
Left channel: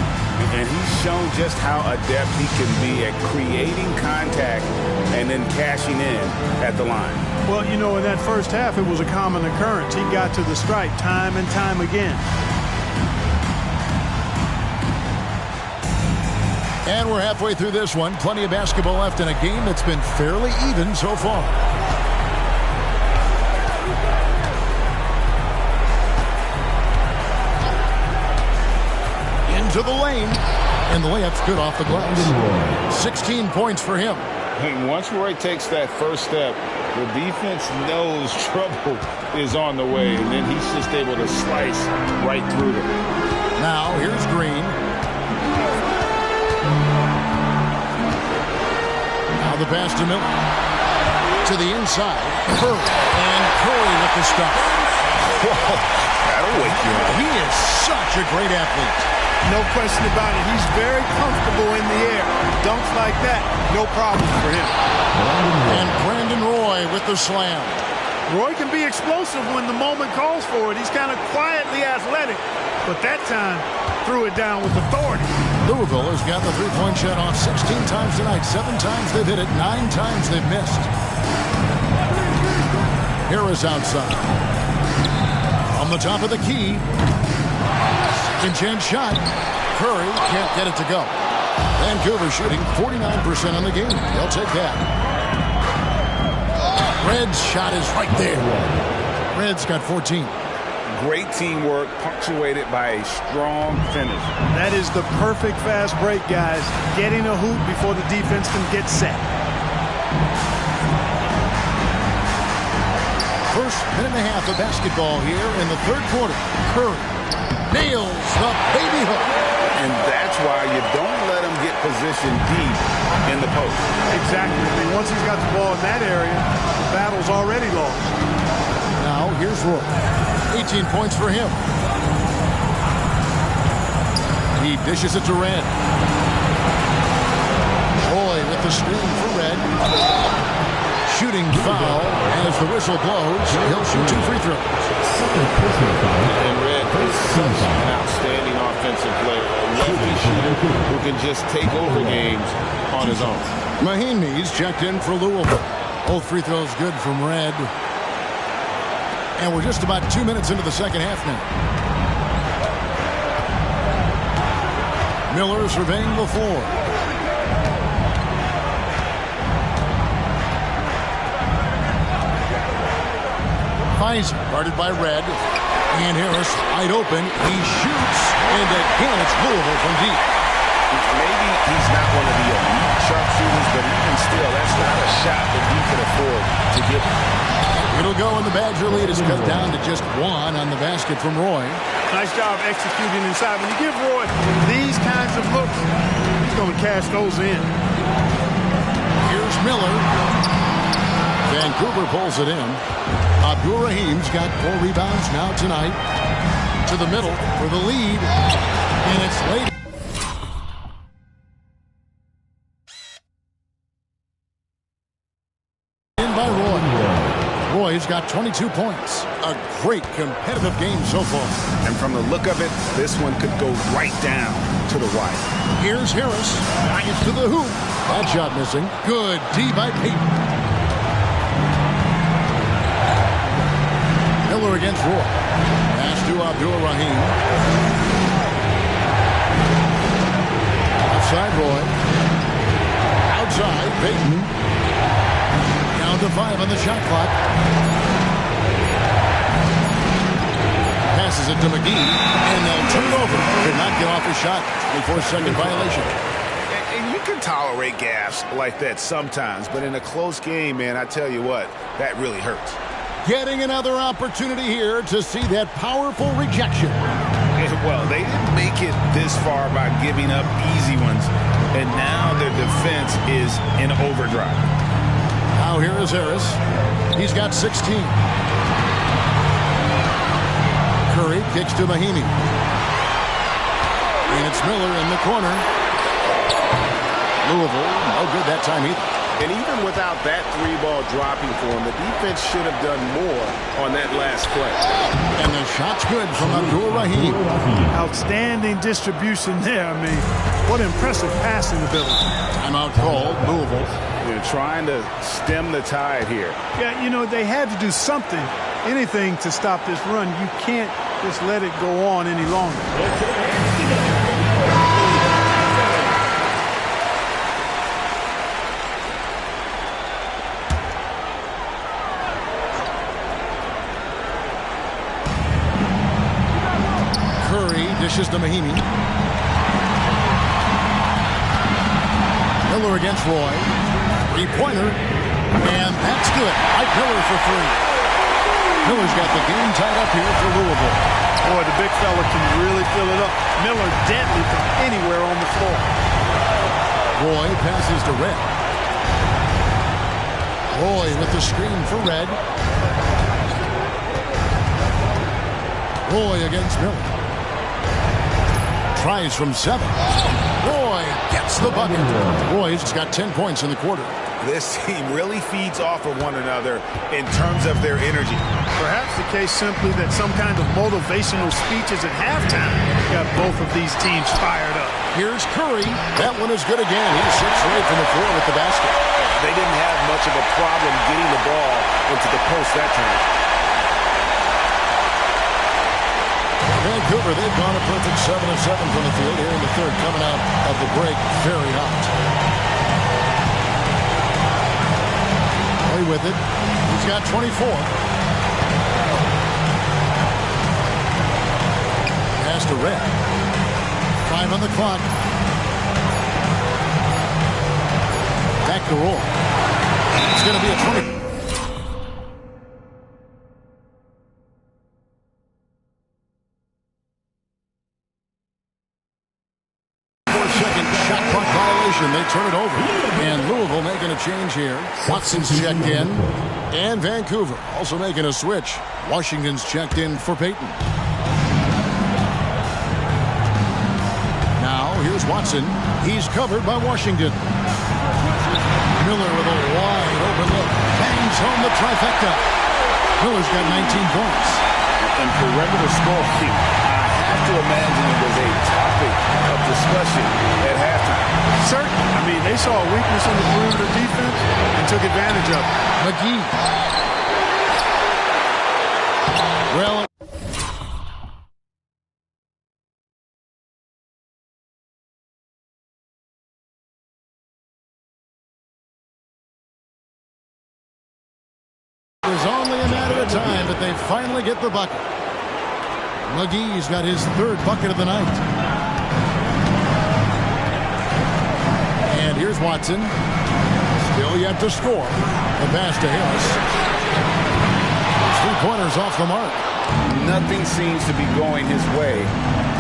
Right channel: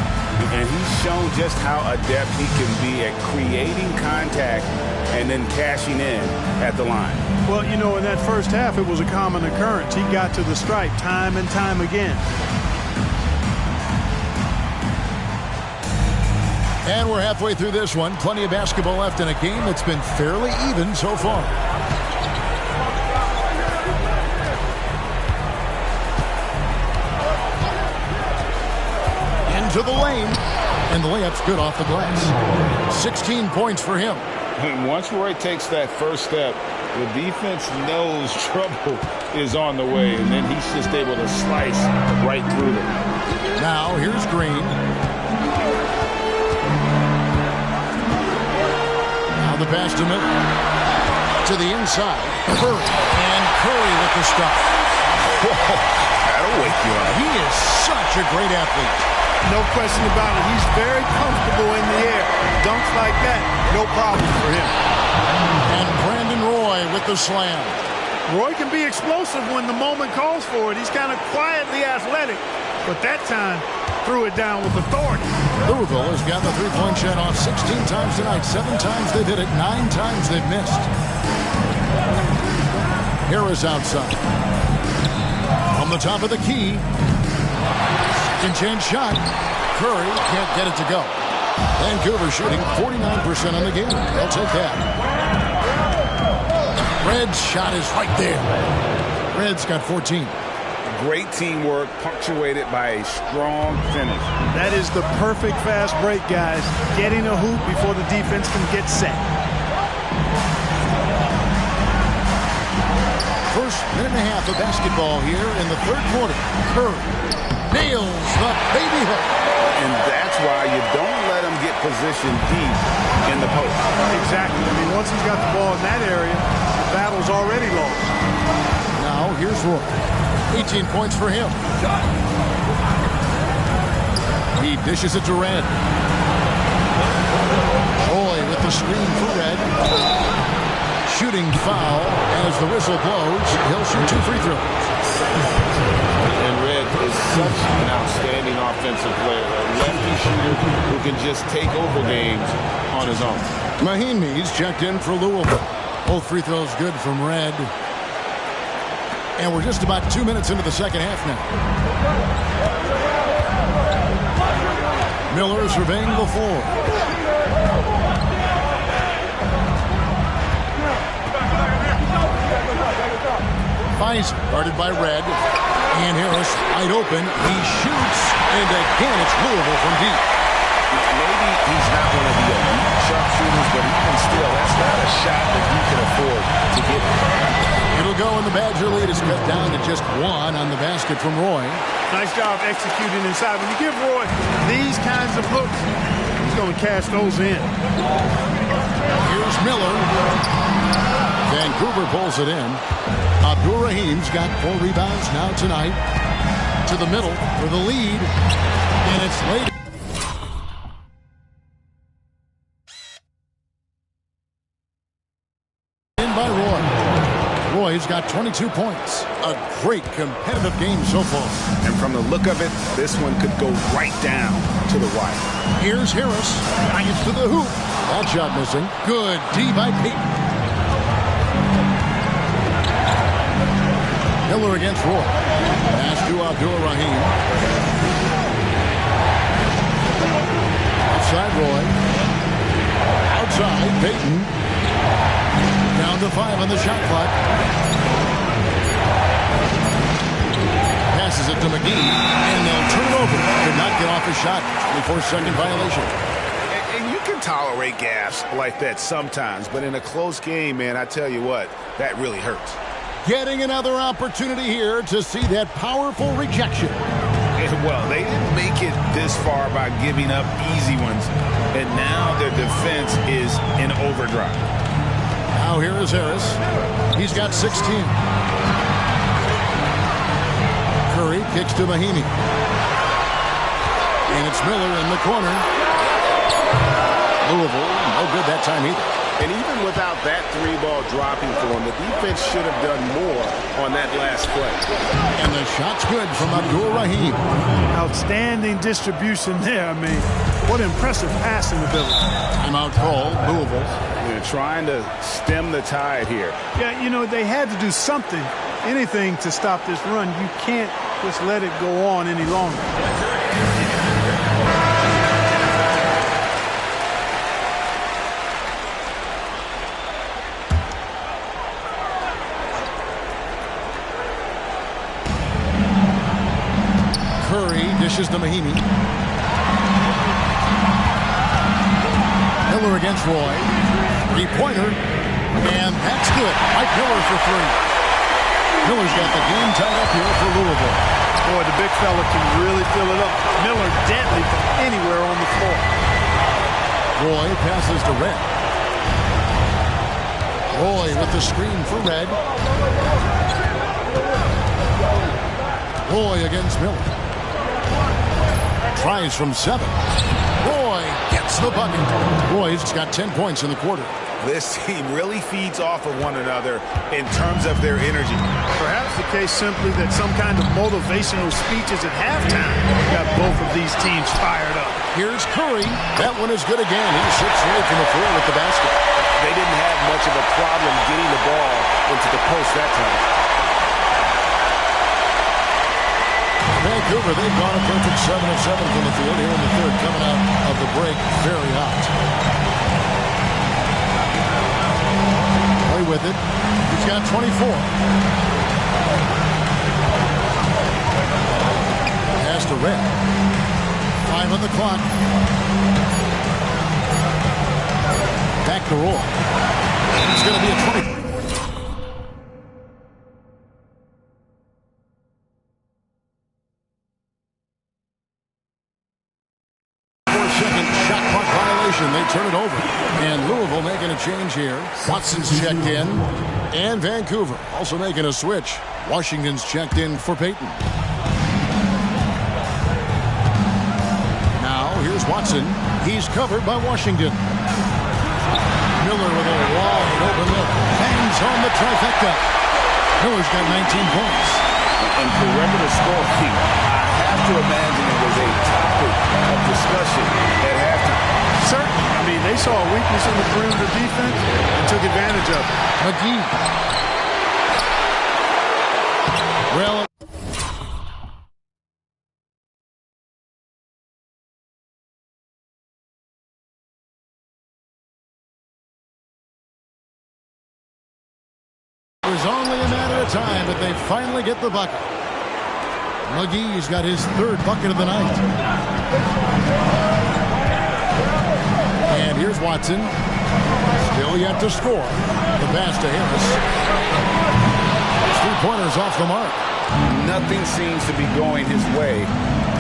And he's shown just how adept he can be at creating contact and then cashing in at the line. Well, you know, in that first half, it was a common occurrence. He got to the stripe time and time again. And we're halfway through this one. Plenty of basketball left in a game that's been fairly even so far. Into the lane. And the layup's good off the glass. 16 points for him. And once Roy takes that first step, the defense knows trouble is on the way. And then he's just able to slice right through them. Now here's Green. Now the pass to Miller. To the inside. Curry. And Curry with the stuff. Whoa, that'll wake you up. He is such a great athlete. No question about it. He's very comfortable in the air. Dunks like that, no problem for him. And Brandon Roy with the slam. Roy can be explosive when the moment calls for it. He's kind of quietly athletic, but that time threw it down with authority. Louisville has gotten the three-point shot off 16 times tonight. 7 times they've hit it. 9 times they've missed. Harris outside. From the top of the key. Second chance shot. Curry can't get it to go. Vancouver shooting 49% on the game. They'll take that. Red's shot is right there. Red's got 14. Great teamwork punctuated by a strong finish. That is the perfect fast break, guys. Getting a hoop before the defense can get set. First minute and a half of basketball here in the third quarter. Curry nails the baby hook. And that's why you don't let him get positioned deep in the post. Exactly. I mean, once he's got the ball in that area, the battle's already lost. Now here's Roy. 18 points for him. He dishes it to Red. Roy with the screen for Red. Shooting foul as the whistle blows. He'll shoot 2 free throws. And Red is such an outstanding offensive player. A lefty shooter who can just take over games on his own. Mahinmi's checked in for Louisville. Both free throws good from Red. And we're just about 2 minutes into the second half now. Miller surveying the floor. Pfizer guarded by Red. And Harris wide open. He shoots. And again, it's Louisville from deep. Maybe he's not one of the elite sharpshooters, but even still, that's not a shot that he can afford to get. It'll go, and the Badger lead is cut down to just 1 on the basket from Roy. Nice job executing inside. When you give Roy these kinds of looks, he's going to cash those in. Here's Miller. Vancouver pulls it in. Abdur-Rahim's got 4 rebounds now tonight. To the middle for the lead. And it's late. In by Roy. Roy's got 22 points. A great competitive game so far. And from the look of it, this one could go right down to the wire. Here's Harris. Giants to the hoop. That shot missing. Good D by Payton. Miller against Roy. Pass to Abdur-Rahim. Outside Roy. Outside Payton. Down to 5 on the shot clock. Passes it to McGee, and they'll turn it over. Could not get off a shot. 24-second violation. And you can tolerate gaffes like that sometimes, but in a close game, man, I tell you what, that really hurts. Getting another opportunity here to see that powerful rejection. Well, they didn't make it this far by giving up easy ones, and now their defense is in overdrive. Now here is Harris. He's got 16. Curry kicks to Mahinmi. And it's Miller in the corner. Louisville, no good that time either. And even without that 3-ball dropping for him, the defense should have done more on that last play. And the shot's good from Abdur-Rahim. Outstanding distribution there. I mean, what impressive passing ability. Timeout called, Louisville. They're trying to stem the tide here. Yeah, you know, they had to do something, anything to stop this run. You can't just let it go on any longer. Curry dishes to Mahinmi. Miller against Roy. 3-pointer. And that's good. Mike Miller for 3. Miller's got the game tied up here for Louisville. Boy, the big fella can really fill it up. Miller deadly from anywhere on the floor. Roy passes to Red. Roy with the screen for Red. Roy against Miller. Tries from 7. Roy gets the bucket. Roy's got 10 points in the quarter. This team really feeds off of one another in terms of their energy. Perhaps the case simply that some kind of motivational speeches at halftime got both of these teams fired up. Here's Curry. That one is good again. He's 6 right from the floor with the basket. They didn't have much of a problem getting the ball into the post that time. Vancouver, they've gone a perfect 7 of 7 from the field here in the third, coming out of the break very hot. Play with it. He's got 24. Pass to Red. 5 on the clock. Back to Roy. It's going to be a 20. Second shot clock violation. They turn it over. And Louisville making a change here. Watson's checked in. And Vancouver also making a switch. Washington's checked in for Payton. Now here's Watson. He's covered by Washington. Miller with a wide open look. Bangs home the trifecta. Miller's got 19 points. And perimeter scoring, I have to imagine it was a topic of discussion at halftime. Certainly. I mean, they saw a weakness in the perimeter defense and took advantage of it. McGee. Well, It was only a matter of time, but they finally get the bucket. McGee's got his third bucket of the night. And here's Watson. Still yet to score. The pass to Harris. 3-pointers off the mark. Nothing seems to be going his way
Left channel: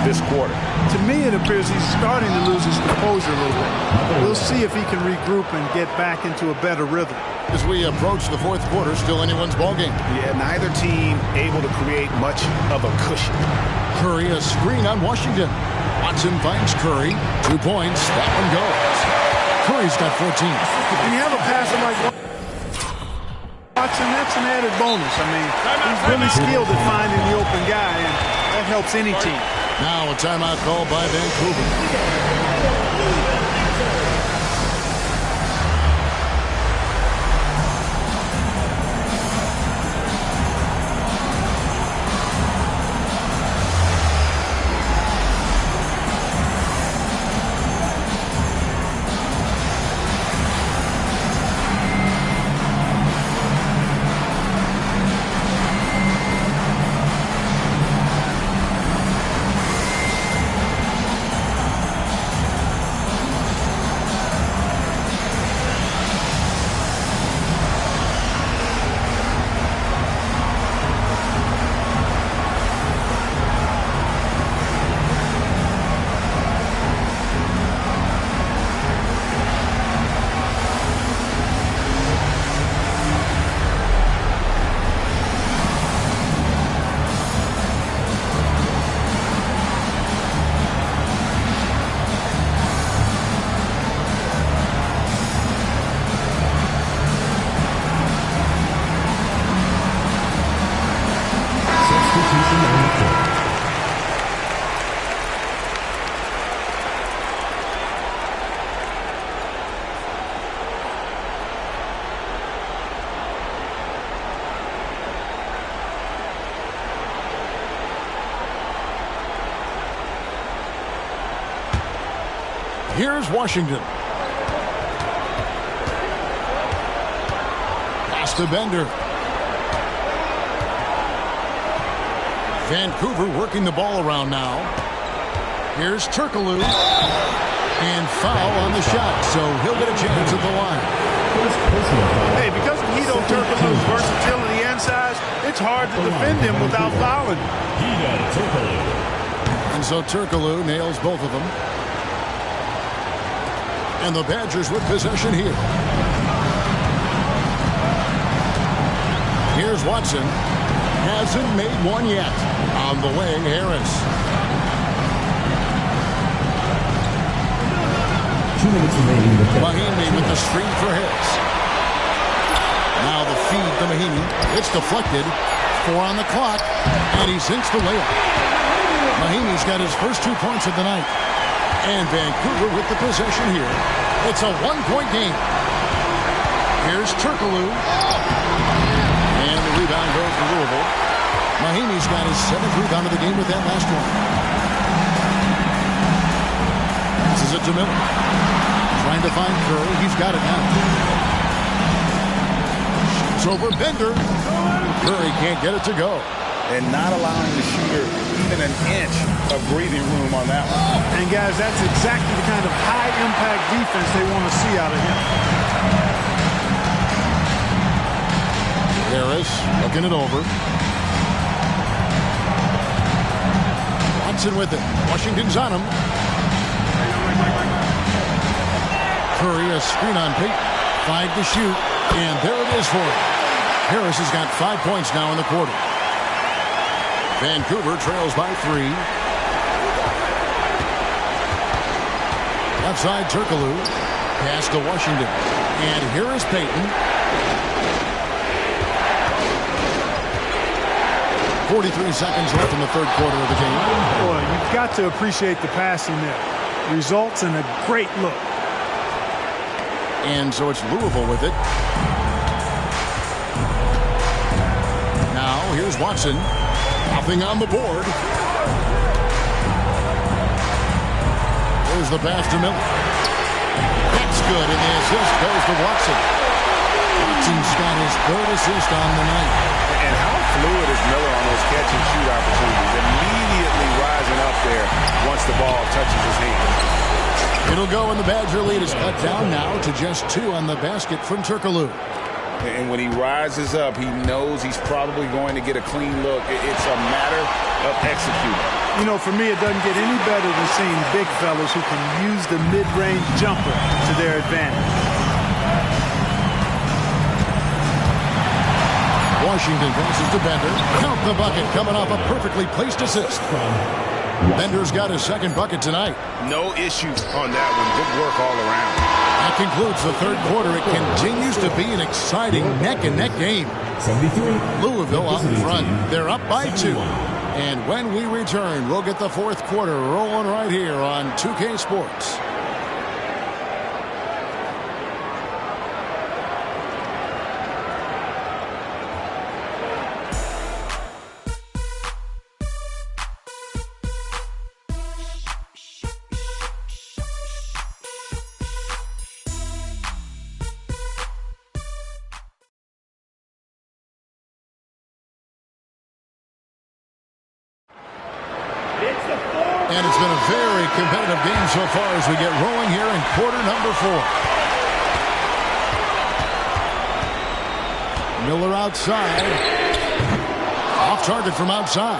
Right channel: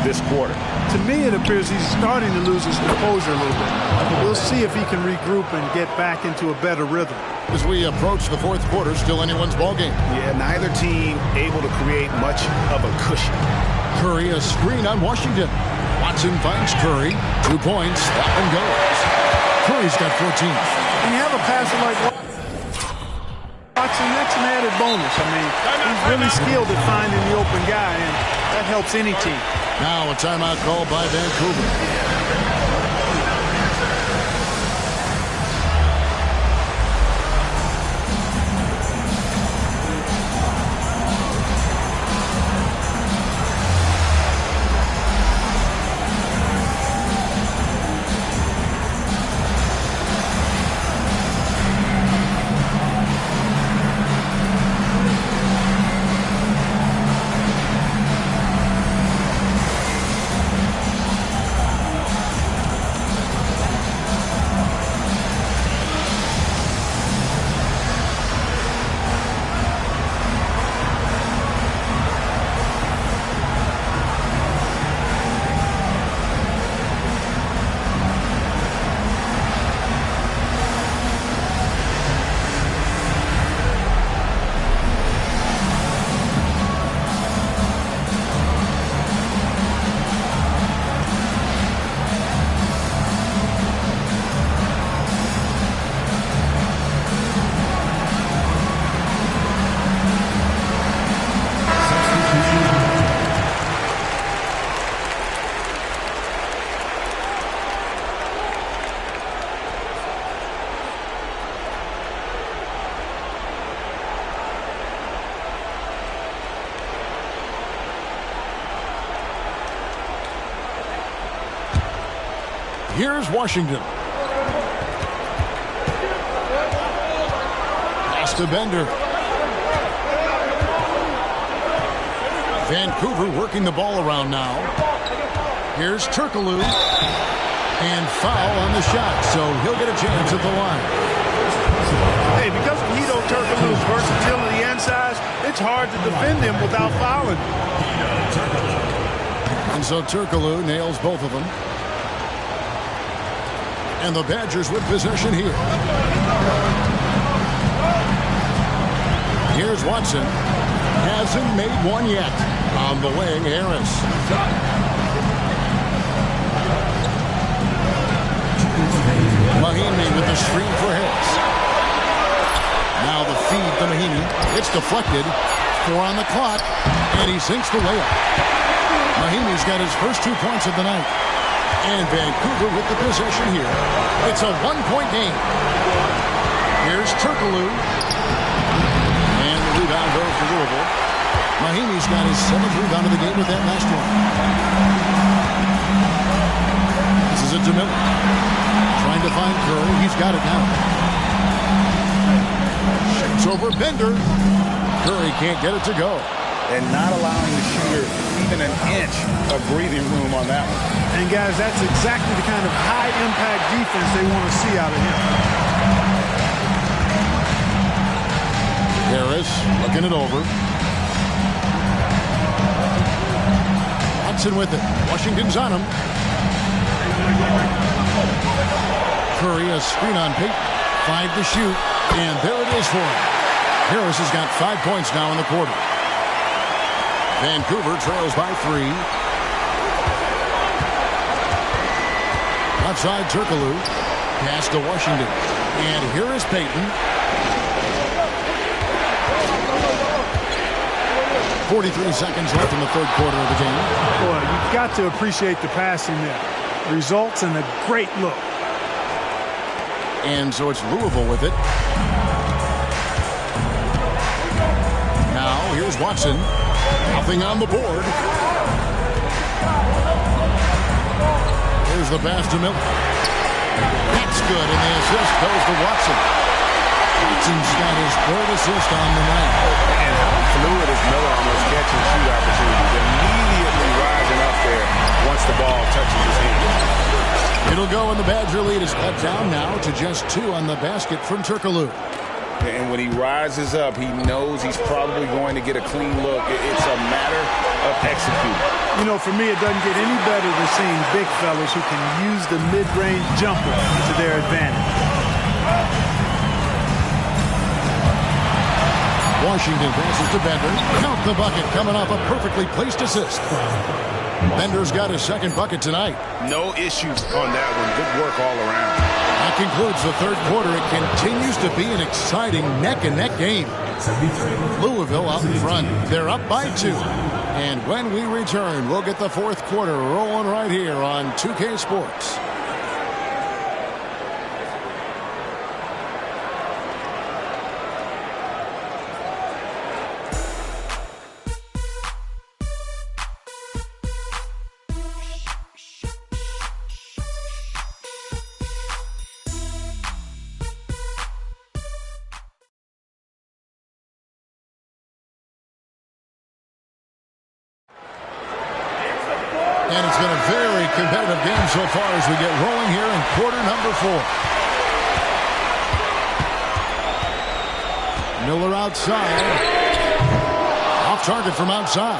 this quarter. To me, it appears he's starting to lose his composure a little bit. We'll see if he can regroup and get back into a better rhythm. As we approach the fourth quarter, still anyone's ball game. Yeah, neither team able to create much of a cushion. Curry, a screen on Washington. Watson finds Curry. 2 points. That one goes. Curry's got 14. When you have a passer like Watson, that's an added bonus. I mean, he's really skilled at finding the open guy, and that helps any team. Now a timeout called by Vancouver. Here's Washington. Pass to Bender. Vancouver working the ball around now. Here's Turkoglu. And foul on the shot, so he'll get a chance at the line. Hey, because of Hedo Turkoglu's versatility and size, it's hard to defend him without fouling. And so Turkoglu nails both of them. And the Badgers with possession here. Here's Watson. Hasn't made one yet. On the wing, Harris. Mahinmi with the screen for Harris. Now the feed to Mahinmi. It's deflected. 4 on the clock. And he sinks the layup. Mahinmi's got his first 2 points of the night. And Vancouver with the possession here. It's a 1-point game. Here's Turkoglu. And the rebound goes to Louisville. Mahinmi's got his 7th rebound of the game with that last one. This is it to Miller. Trying to find Curry. He's got it now. Shoots over Bender. Curry can't get it to go. And not allowing the shooter even an inch of breathing room on that one. And guys, that's exactly the kind of high-impact defense they want to see out of him. Harris looking it over. Watson with it. Washington's on him. Curry, a screen on Payton. 5 to shoot. And there it is for him. Harris has got 5 points now in the quarter. Vancouver trails by 3. Left side, Turkoglu. Pass to Washington. And here is Payton. 43 seconds left in the third quarter of the game. Boy, you've got to appreciate the passing there. Results in a great look. And so it's Louisville with it. Now, here's Watson. Nothing on the board. Here's the pass to Miller. That's good, and the assist goes to Watson. Watson's got his third assist on the night. And how fluid is Miller on those catch-and-shoot opportunities? Immediately rising up there once the ball touches his hands. It'll go, and the Badger lead is cut down now to just 2 on the basket from Turkoglu. And when he rises up, he knows he's probably going to get a clean look. It's a matter of executing. You know, for me, it doesn't get any better than seeing big fellas who can use the mid-range jumper to their advantage. Washington passes to Bender. Count the bucket, coming off a perfectly placed assist. Bender's got his second bucket tonight. No issues on that one. Good work all around. That concludes the third quarter. It continues to be an exciting neck-and-neck game. 73. Louisville out in front. They're up by 2. And when we return, we'll get the fourth quarter rolling right here on 2K Sports. And it's been a very competitive game so far as we get rolling here in quarter number 4. Miller outside. Off target from outside.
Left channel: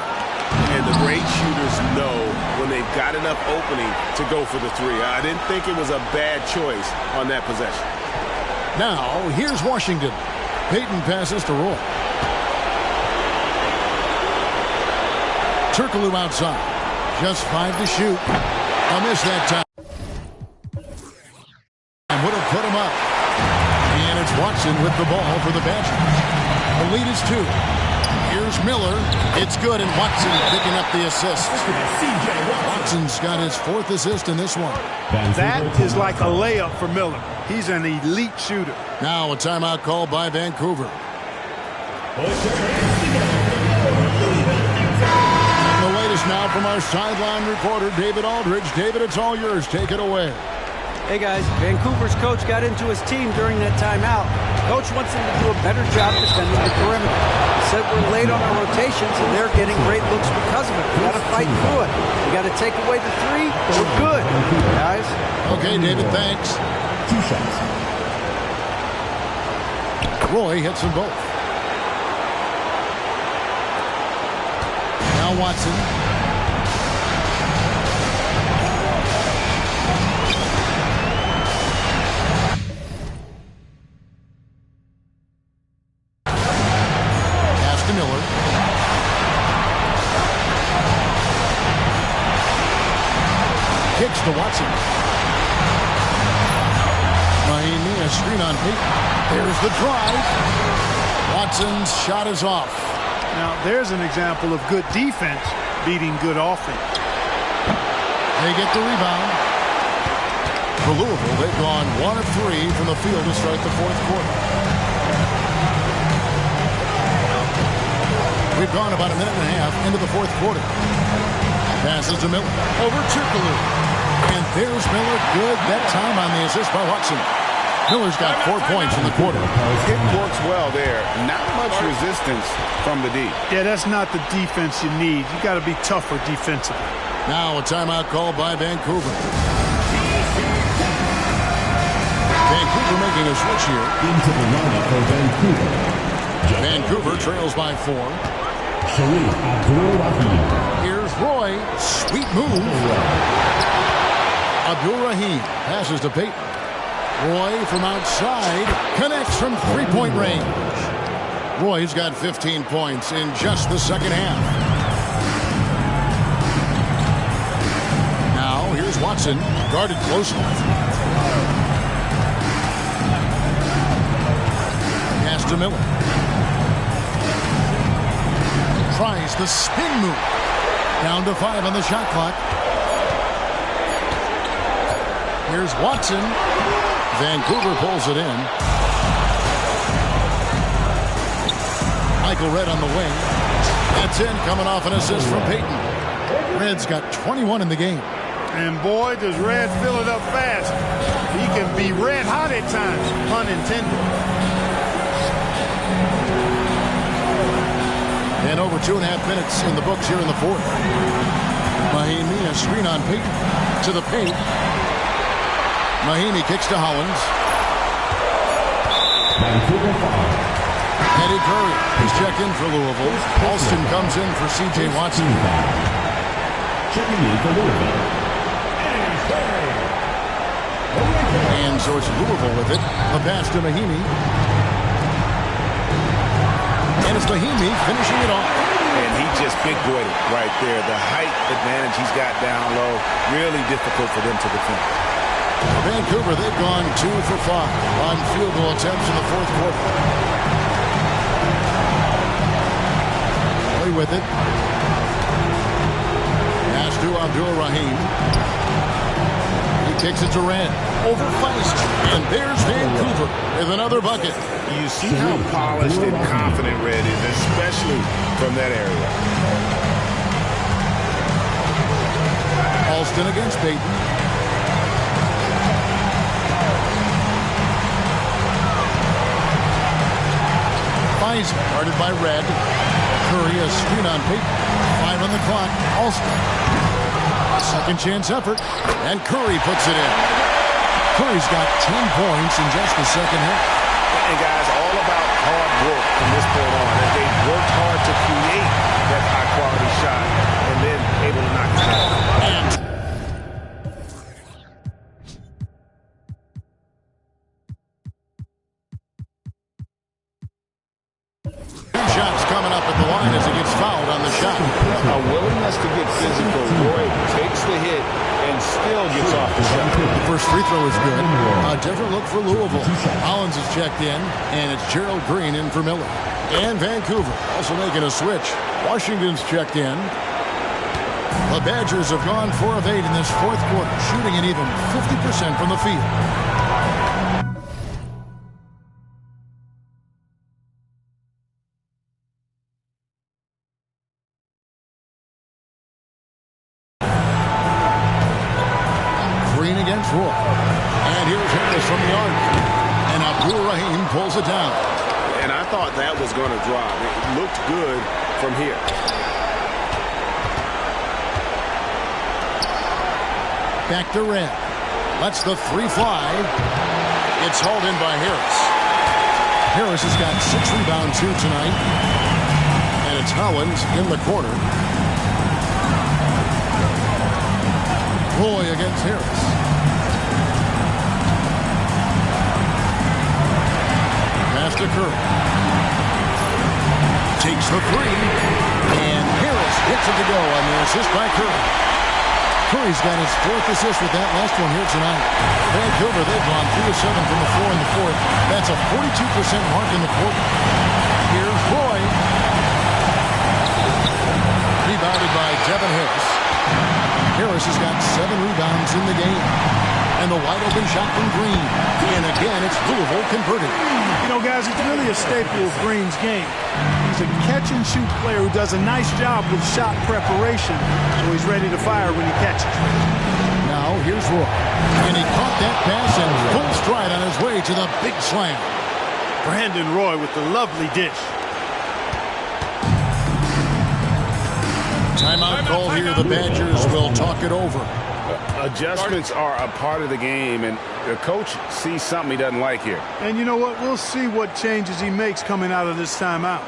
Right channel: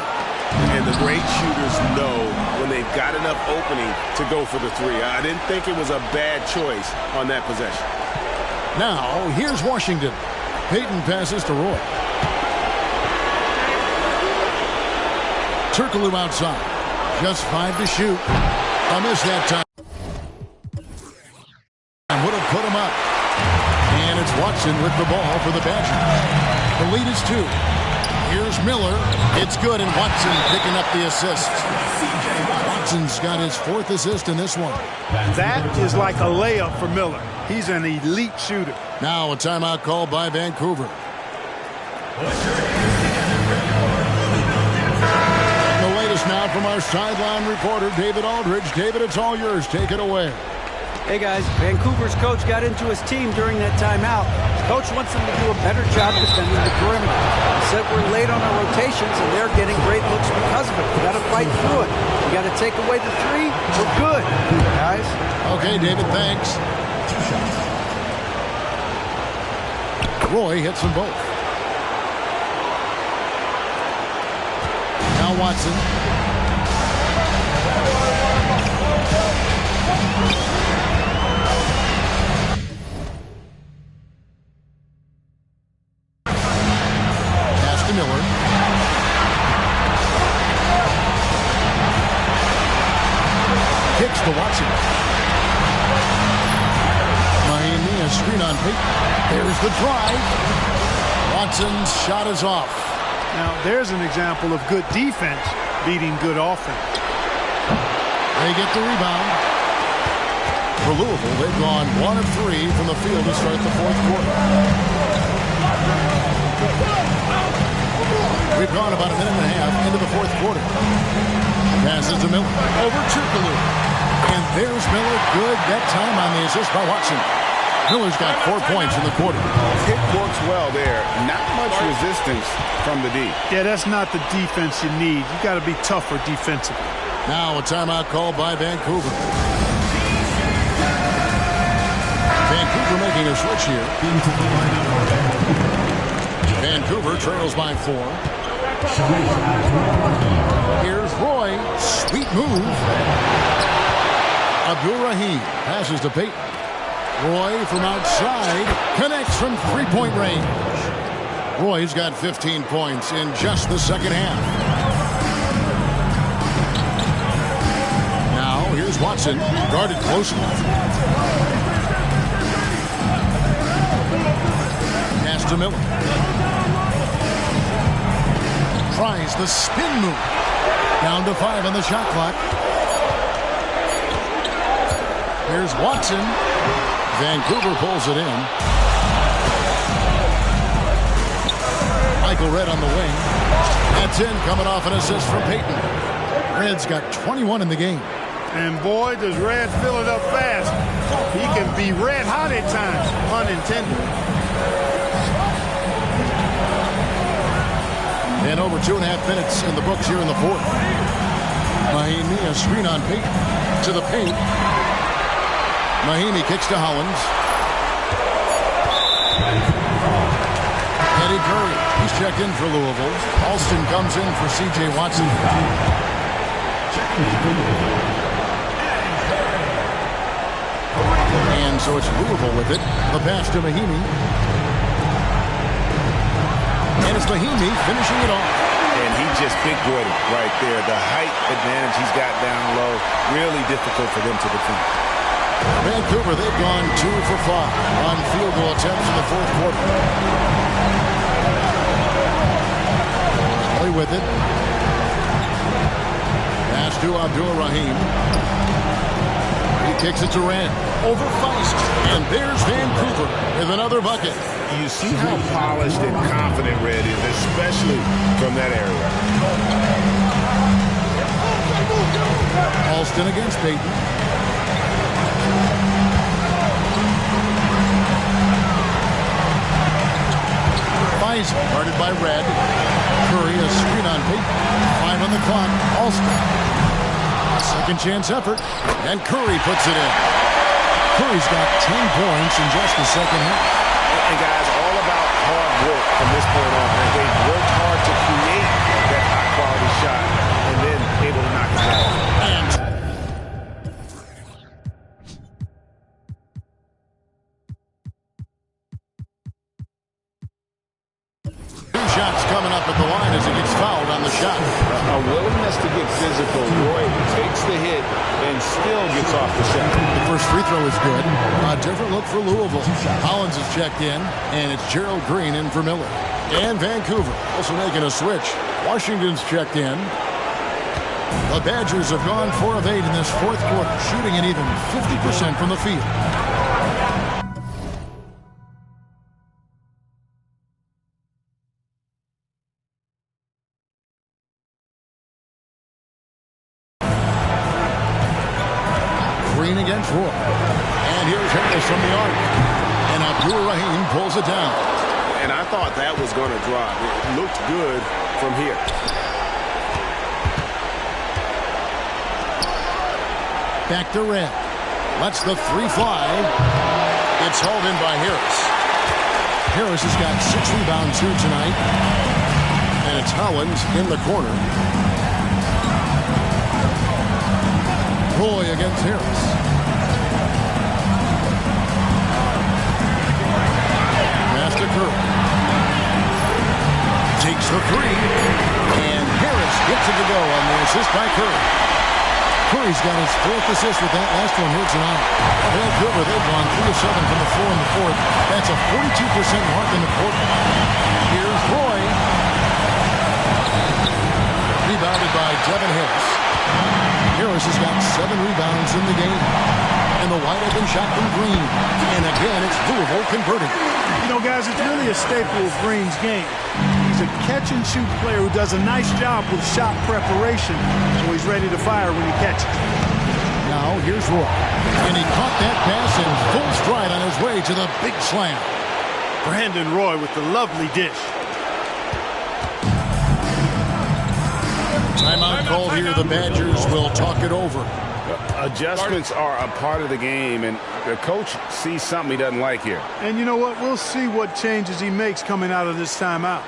And the great shooters know when they've got enough opening to go for the 3. I didn't think it was a bad choice on that possession. Now, here's Washington. Payton passes to Roy. Turkoglu outside. Just 5 to shoot. A miss that time. And would have put him up. And it's Watson with the ball for the Badgers. The lead is 2. Here's Miller. It's good, and Watson picking up the assist. Watson's got his 4th assist in this one. That is like a layup for Miller. He's an elite shooter. Now a timeout called by Vancouver. The latest now from our sideline reporter, David Aldridge. David, it's all yours. Take it away. Hey, guys, Vancouver's coach got into his team during that timeout. Coach wants them to do a better job defending the perimeter. He said we're late on our rotations, and they're getting great looks because of it. We got to fight through it. We got to take away the 3. We're good, guys. Okay, David, thanks. 2 shots. Roy hits them both. Now Watson. Pass to Miller. Kicks to Watson. Miami, a screen on Payton. There's the drive. Watson's shot is off. Now, there's an example of good defense beating good offense. They get the rebound. For Louisville, they've gone 1 of 3 from the field to start the fourth quarter. We've gone about a minute and a half into the fourth quarter. Passes to Miller. Over Turkoglu. And there's Miller. Good that time on the assist by Watson. Miller's got 4 points in the quarter. It works well there. Not much resistance from the D. Yeah, that's not the defense you need. You got to be tougher defensively. Now a timeout called by Vancouver. Vancouver making a switch here. Into the lineup for Vancouver. Vancouver trails by 4. Sharif Abdul-Rahim. Here's Roy. Sweet move. Abdul-Rahim passes to Payton. Roy from outside connects from 3-point range. Roy's got 15 points in just the second half. Now here's Watson, guarded closely. Pass to Miller. Tries the spin move. Down to 5 on the shot clock. Here's Watson. Vancouver pulls it in. Michael Redd on the wing. That's in, coming off an assist from Payton. Redd's got 21 in the game. And boy, does Redd fill it up fast. He can be red hot at times, pun intended. And over 2.5 minutes in the books here in the fourth. Mahimi, a screen on Peyton to the paint. Mahimi kicks to Hollins. Eddie Curry, he's checked in for Louisville. Alston comes in for C.J. Watson. Checking in for Louisville. And so it's Louisville with it. The pass to Mahimi. And it's Mahimi finishing it off. And he just big-boyed it right there. The height advantage he's got down low, really difficult for them to defend. For Vancouver, they've gone 2 for 5 on field goal attempts in the fourth quarter. Kelly with it. Pass to Abdul-Rahim. He kicks it to Rand. Over Feist. And there's Vancouver with another bucket. You see how polished and confident Red is, especially from that area. Alston against Peyton. Feist guarded by Red. Curry a screen on Peyton. 5 on the clock. Alston. Second chance effort. And Curry puts it in. Curry's got 10 points in just the second half. And guys, all about hard work from this point on. And they've worked hard to create that high-quality shot and then able to knock it down. And two shots coming up at the line as he gets fouled on the shot. A willingness to get physical. Roy takes the hit and still gets off the shot. The first free throw is good. A different look for Louisville. Hollins is checked in, and it's Gerald Green in for Miller. And Vancouver also making a switch. Washington's checked in. The Badgers have gone 4 of 8 in this fourth quarter, shooting an even 50% from the field. Green against Roy. And here's Harris from the arc. And Abdul-Rahim pulls it down. And I thought that was going to drop. It looked good from here. Back to Red. Lets the 3 fly. It's hauled in by Harris. Harris has got 6 rebounds too tonight. And it's Hollins in the corner. Roy against Harris. Pass to Curry. Takes the 3. And Harris gets it to go on the assist by Curry. Curry's got his 4th assist with that last one here tonight. Vancouver, they've gone 3 of 7 from the floor in the fourth. That's a 42% mark in the quarter. Here's Roy. Rebounded by Devin Harris. Harris has got 7 rebounds in the game. And the wide open shot from Green. And again, it's Louisville converting. You know, guys, it's really a staple of Green's game. He's a catch-and-shoot player who does a nice job with shot preparation, so he's ready to fire when he catches. Now, here's Roy. And he caught that pass in full stride on his way to the big slam. Brandon Roy with the lovely dish. Timeout called here. The Badgers will talk it over. Adjustments are a part of the game, and the coach sees something he doesn't like here. And you know what? We'll see what changes he makes coming out of this timeout.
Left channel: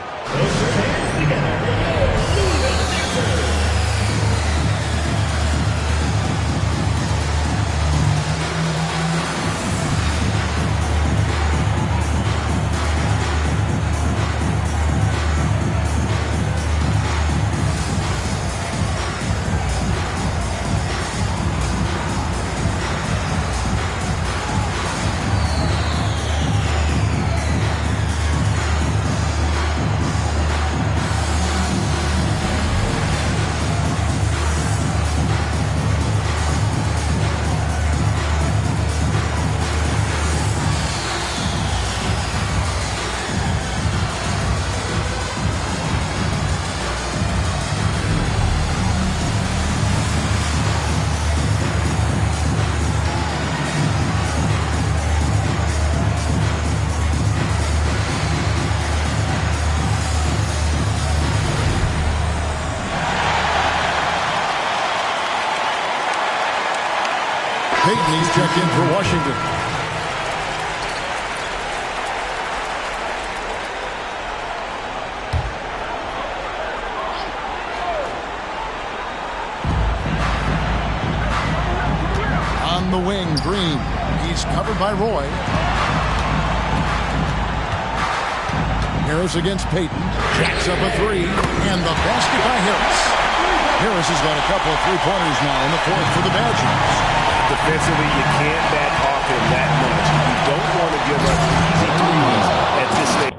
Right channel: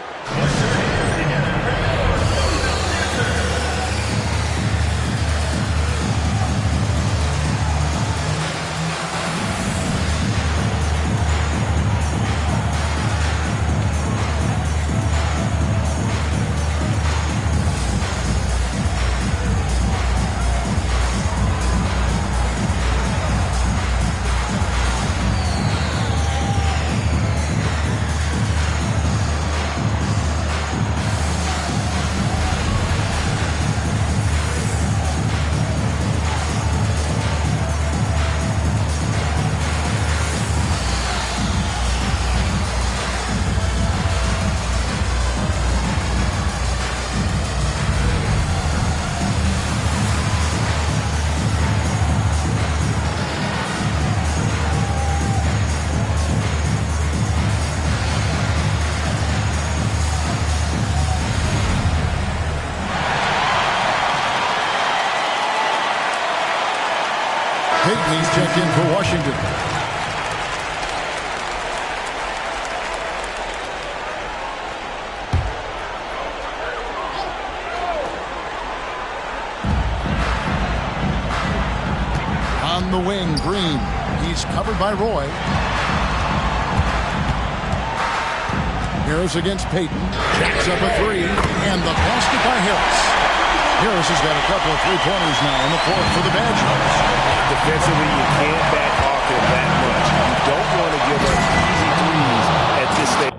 Payton, he's checked in for Washington. On the wing, Green. He's covered by Roy. Harris against Payton. Jacks up a three. And the basket by Harris. Harris has got a couple of three-pointers now in the fourth for the Badgers. Defensively, you can't back off him that much. You don't want to give up easy threes at this stage.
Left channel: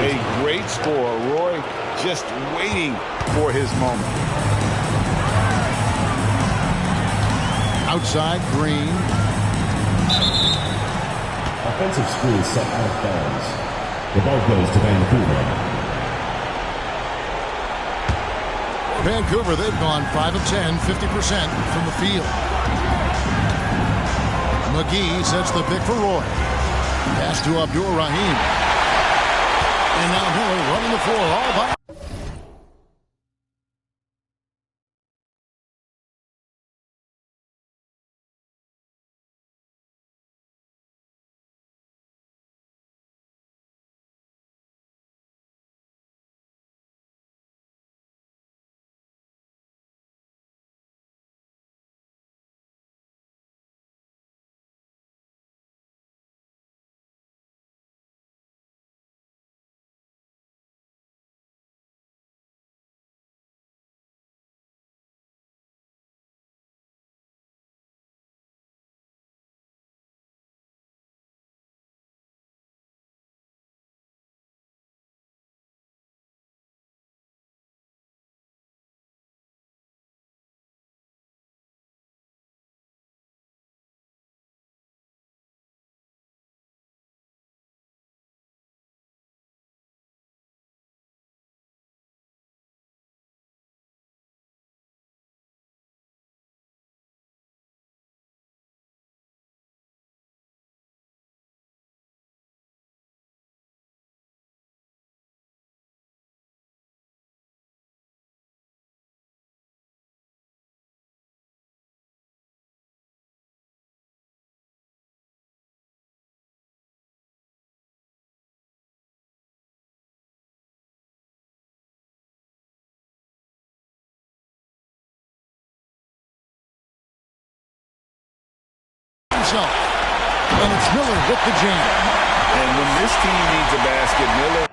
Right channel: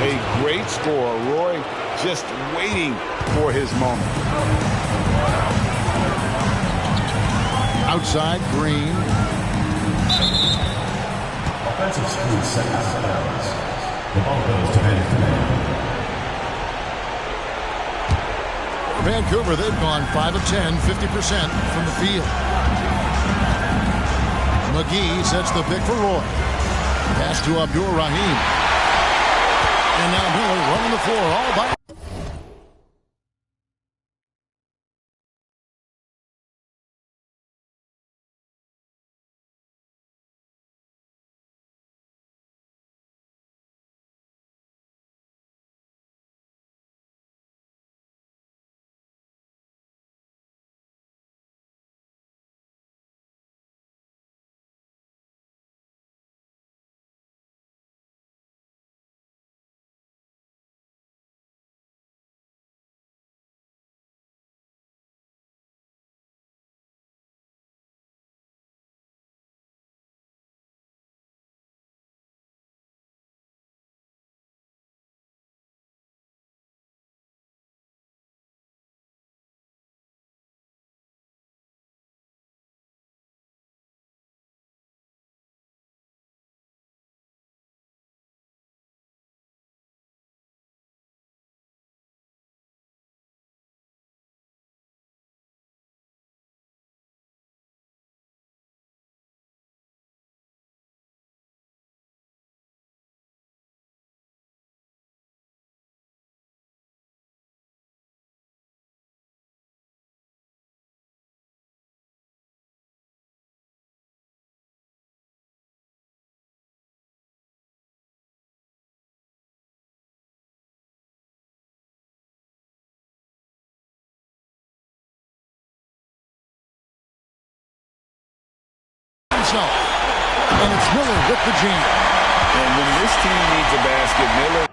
A great score. Roy just waiting for his moment. Outside, Green. Offensive screen set out of bounds. The ball goes to Vancouver. For Vancouver, they've gone 5 of 10, 50% from the field. McGee sets the pick for Roy. Pass to Abdur Rahim. And now Miller running the floor all by. And it's Miller with the jam. And when this team needs a basket, Miller.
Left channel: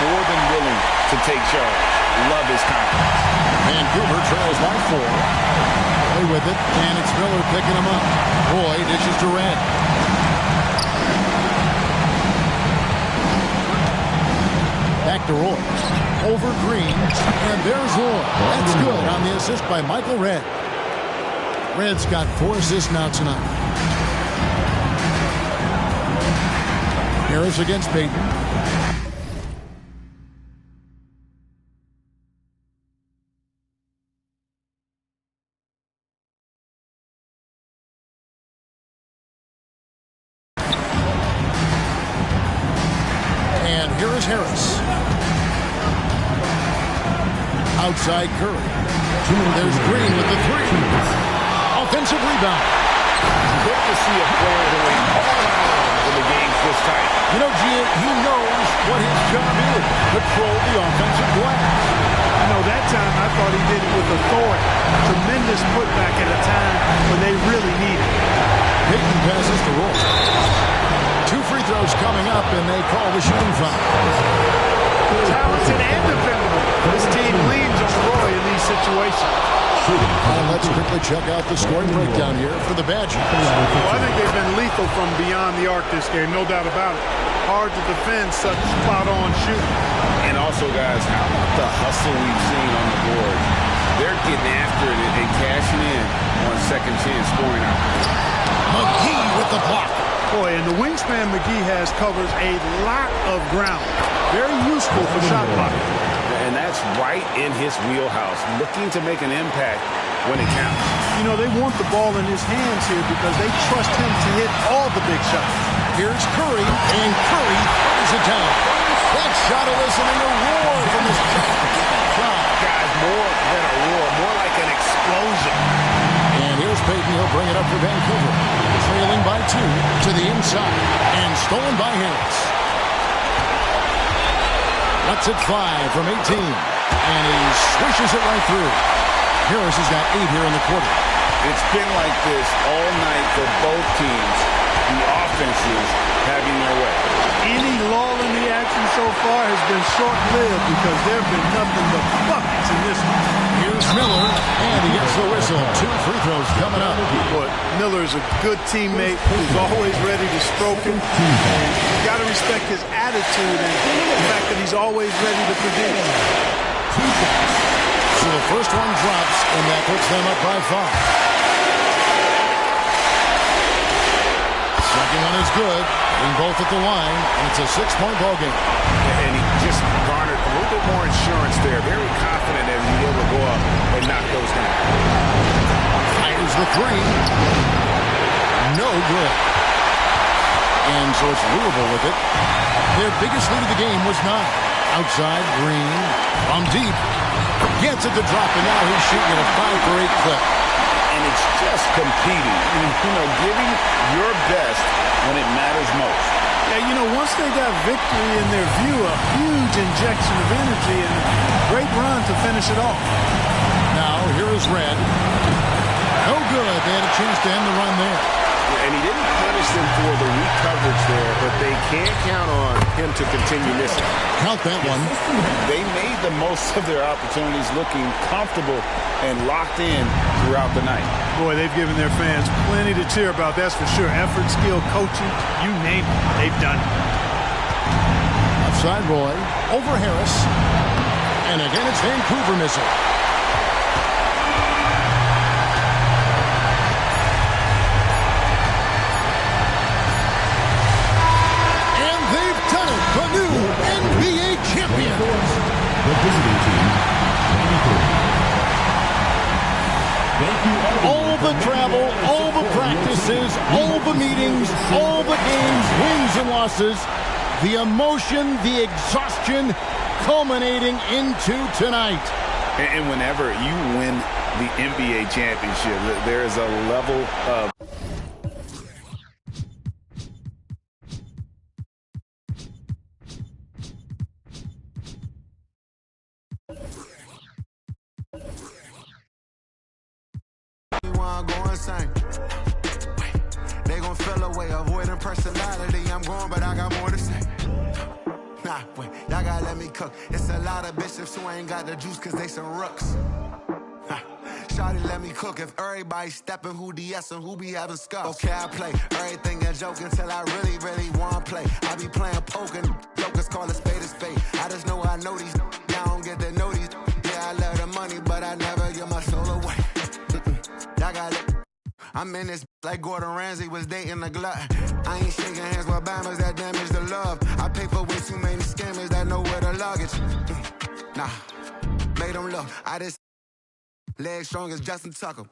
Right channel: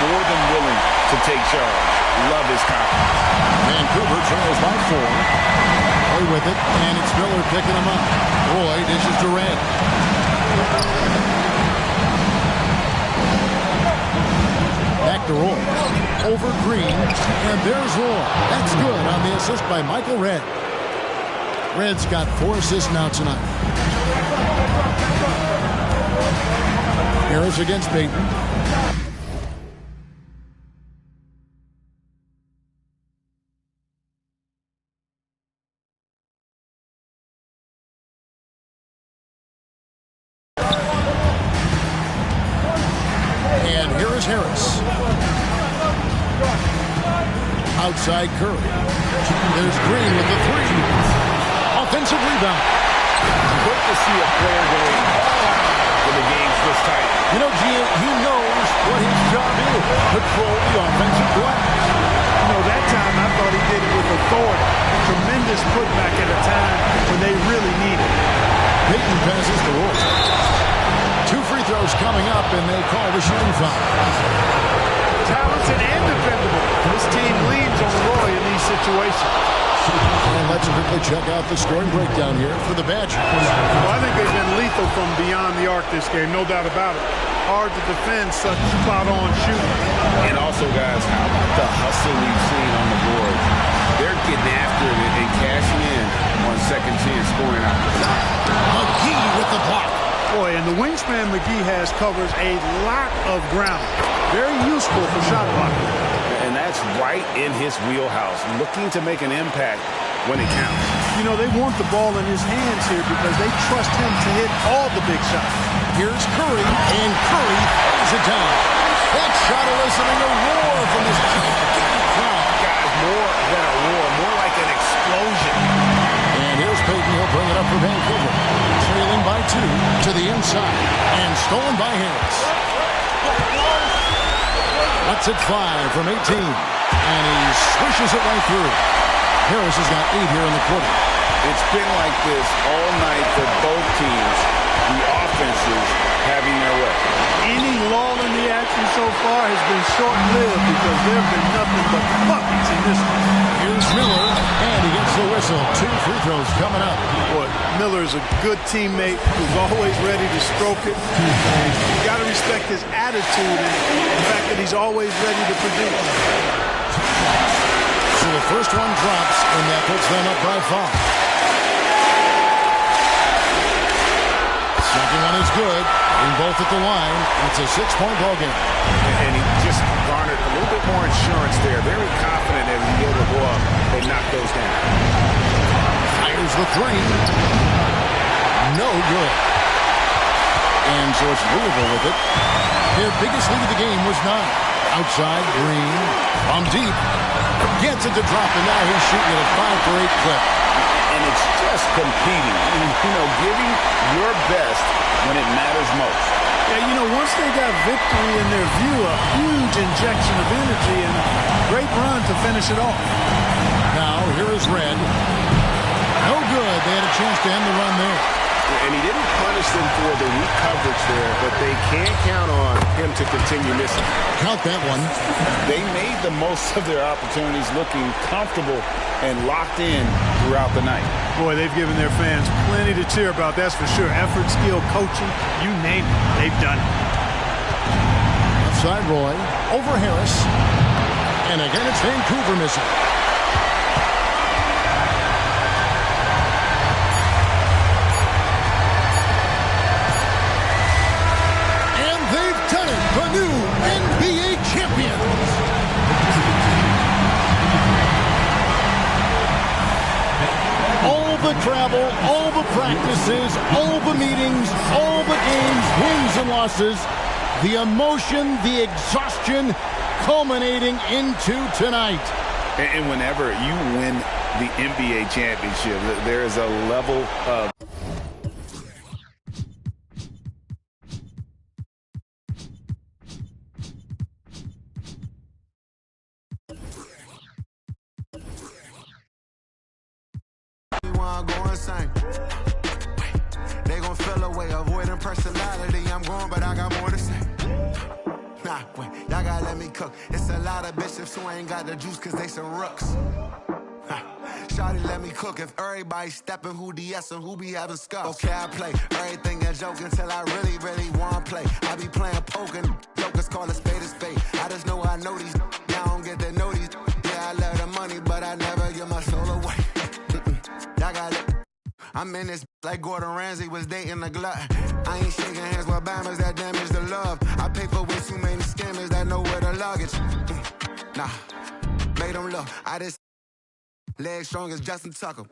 More than willing to take charge. Love his confidence. Vancouver trails by 4. Roy with it, and it's Miller picking him up. Roy dishes to Red. Back to Roy. Over Green, and there's Roy. That's good on the assist by Michael Red. Red's got 4 assists now tonight. Harris against Payton. And here is Harris. Outside Curry. There's Green with the 3. Offensive rebound. Good to see a player going all out when the game's this tight. You know, G, he knows what his job is. Control the offensive glass. You know, that time I thought he did it with authority. Tremendous putback at a time when they really need it. Peyton passes to Roy. 2 free throws coming up, and they call the shooting foul. Talented and dependable. This team leans on Roy in these situations. And let's quickly check out the scoring breakdown here for the Badgers. Well, I think they've been lethal from beyond the arc this game, no doubt about it. Hard to defend such spot-on shooting. And also, guys, how about the hustle we've seen on the boards? They're getting after it and cashing in on second chance scoring opportunities. McGee with the block. Boy, and the wingspan McGee has covers a lot of ground. Very useful for shot blocking. And that's right in his wheelhouse, looking to make an impact when it counts. You know, they want the ball in his hands here because they trust him to hit all the big shots. Here's Curry, and Curry throws it down. That shot eliciting a roar from this gigantic crowd. Guys, more than a roar, more like an explosion. And here's Peyton. He'll bring it up for Vancouver. Trailing by 2 to the inside. And stolen by Harris. Lets it fly from 18. And he swishes it right through. Harris has got 8 here in the quarter. It's been like this all night for both teams. The offenses having their way. Any lull in the action so far has been short-lived because there have been nothing but buckets in this one. Here's Miller, and he gets the whistle. 2 free throws coming up. Boy, Miller is a good teammate who's always ready to stroke it. And you got to respect his attitude and the fact that he's always ready to produce. So the first one drops, and that puts them up by 5. Second one is good. Getting both at the line, and it's a 6-point ball game. And he just garnered a little bit more insurance there. Very confident as he's able to go up and knock those down. Fires the 3. No good. And so it's Louisville with it. Their biggest lead of the game was 9. Outside, Green from deep. Gets it to drop, and now he's shooting at a 5-for-8 clip. And it's just competing, and, you know, giving your best when it matters most. Yeah, you know, once they got victory in their view, a huge injection of energy and a great run to finish it off. Now, here is Red. No good. They had a chance to end the run there. And he didn't punish them for the weak coverage there, but they can't count on him to continue missing. Count that one. They made the most of their opportunities, looking comfortable and locked in throughout the night. Boy, they've given their fans plenty to cheer about, that's for sure. Effort, skill, coaching, you name it, they've done it. Left side, Roy. Over Harris. And again, it's Vancouver missing. The new NBA champions. The visiting team, 93. All the travel, all the practices, all the meetings, all the games, wins and losses, the emotion, the exhaustion culminating into tonight. And whenever you win the NBA championship, there is a level of They gon' feel away, avoiding personality. I'm going, but I got more to say. Nah, wait, y'all gotta let me cook. It's a lot of bishops who ain't got the juice cause they some rooks. Shawty, let me cook. If everybody stepping, who DS and who be having scuffs? Okay, I play everything a joke until I really, really wanna play. I be playing poker, jokers call a spade a spade. I just know I know these, y'all don't get to know these. Yeah, I love the money, but I never give my soul away. Y'all got it. I'm in this like Gordon Ramsay was dating the glut. I ain't shaking hands with Bammers that damage the love. I pay for way too many scammers that know where the luggage. Nah, made them look. I just legs strong as Justin Tucker.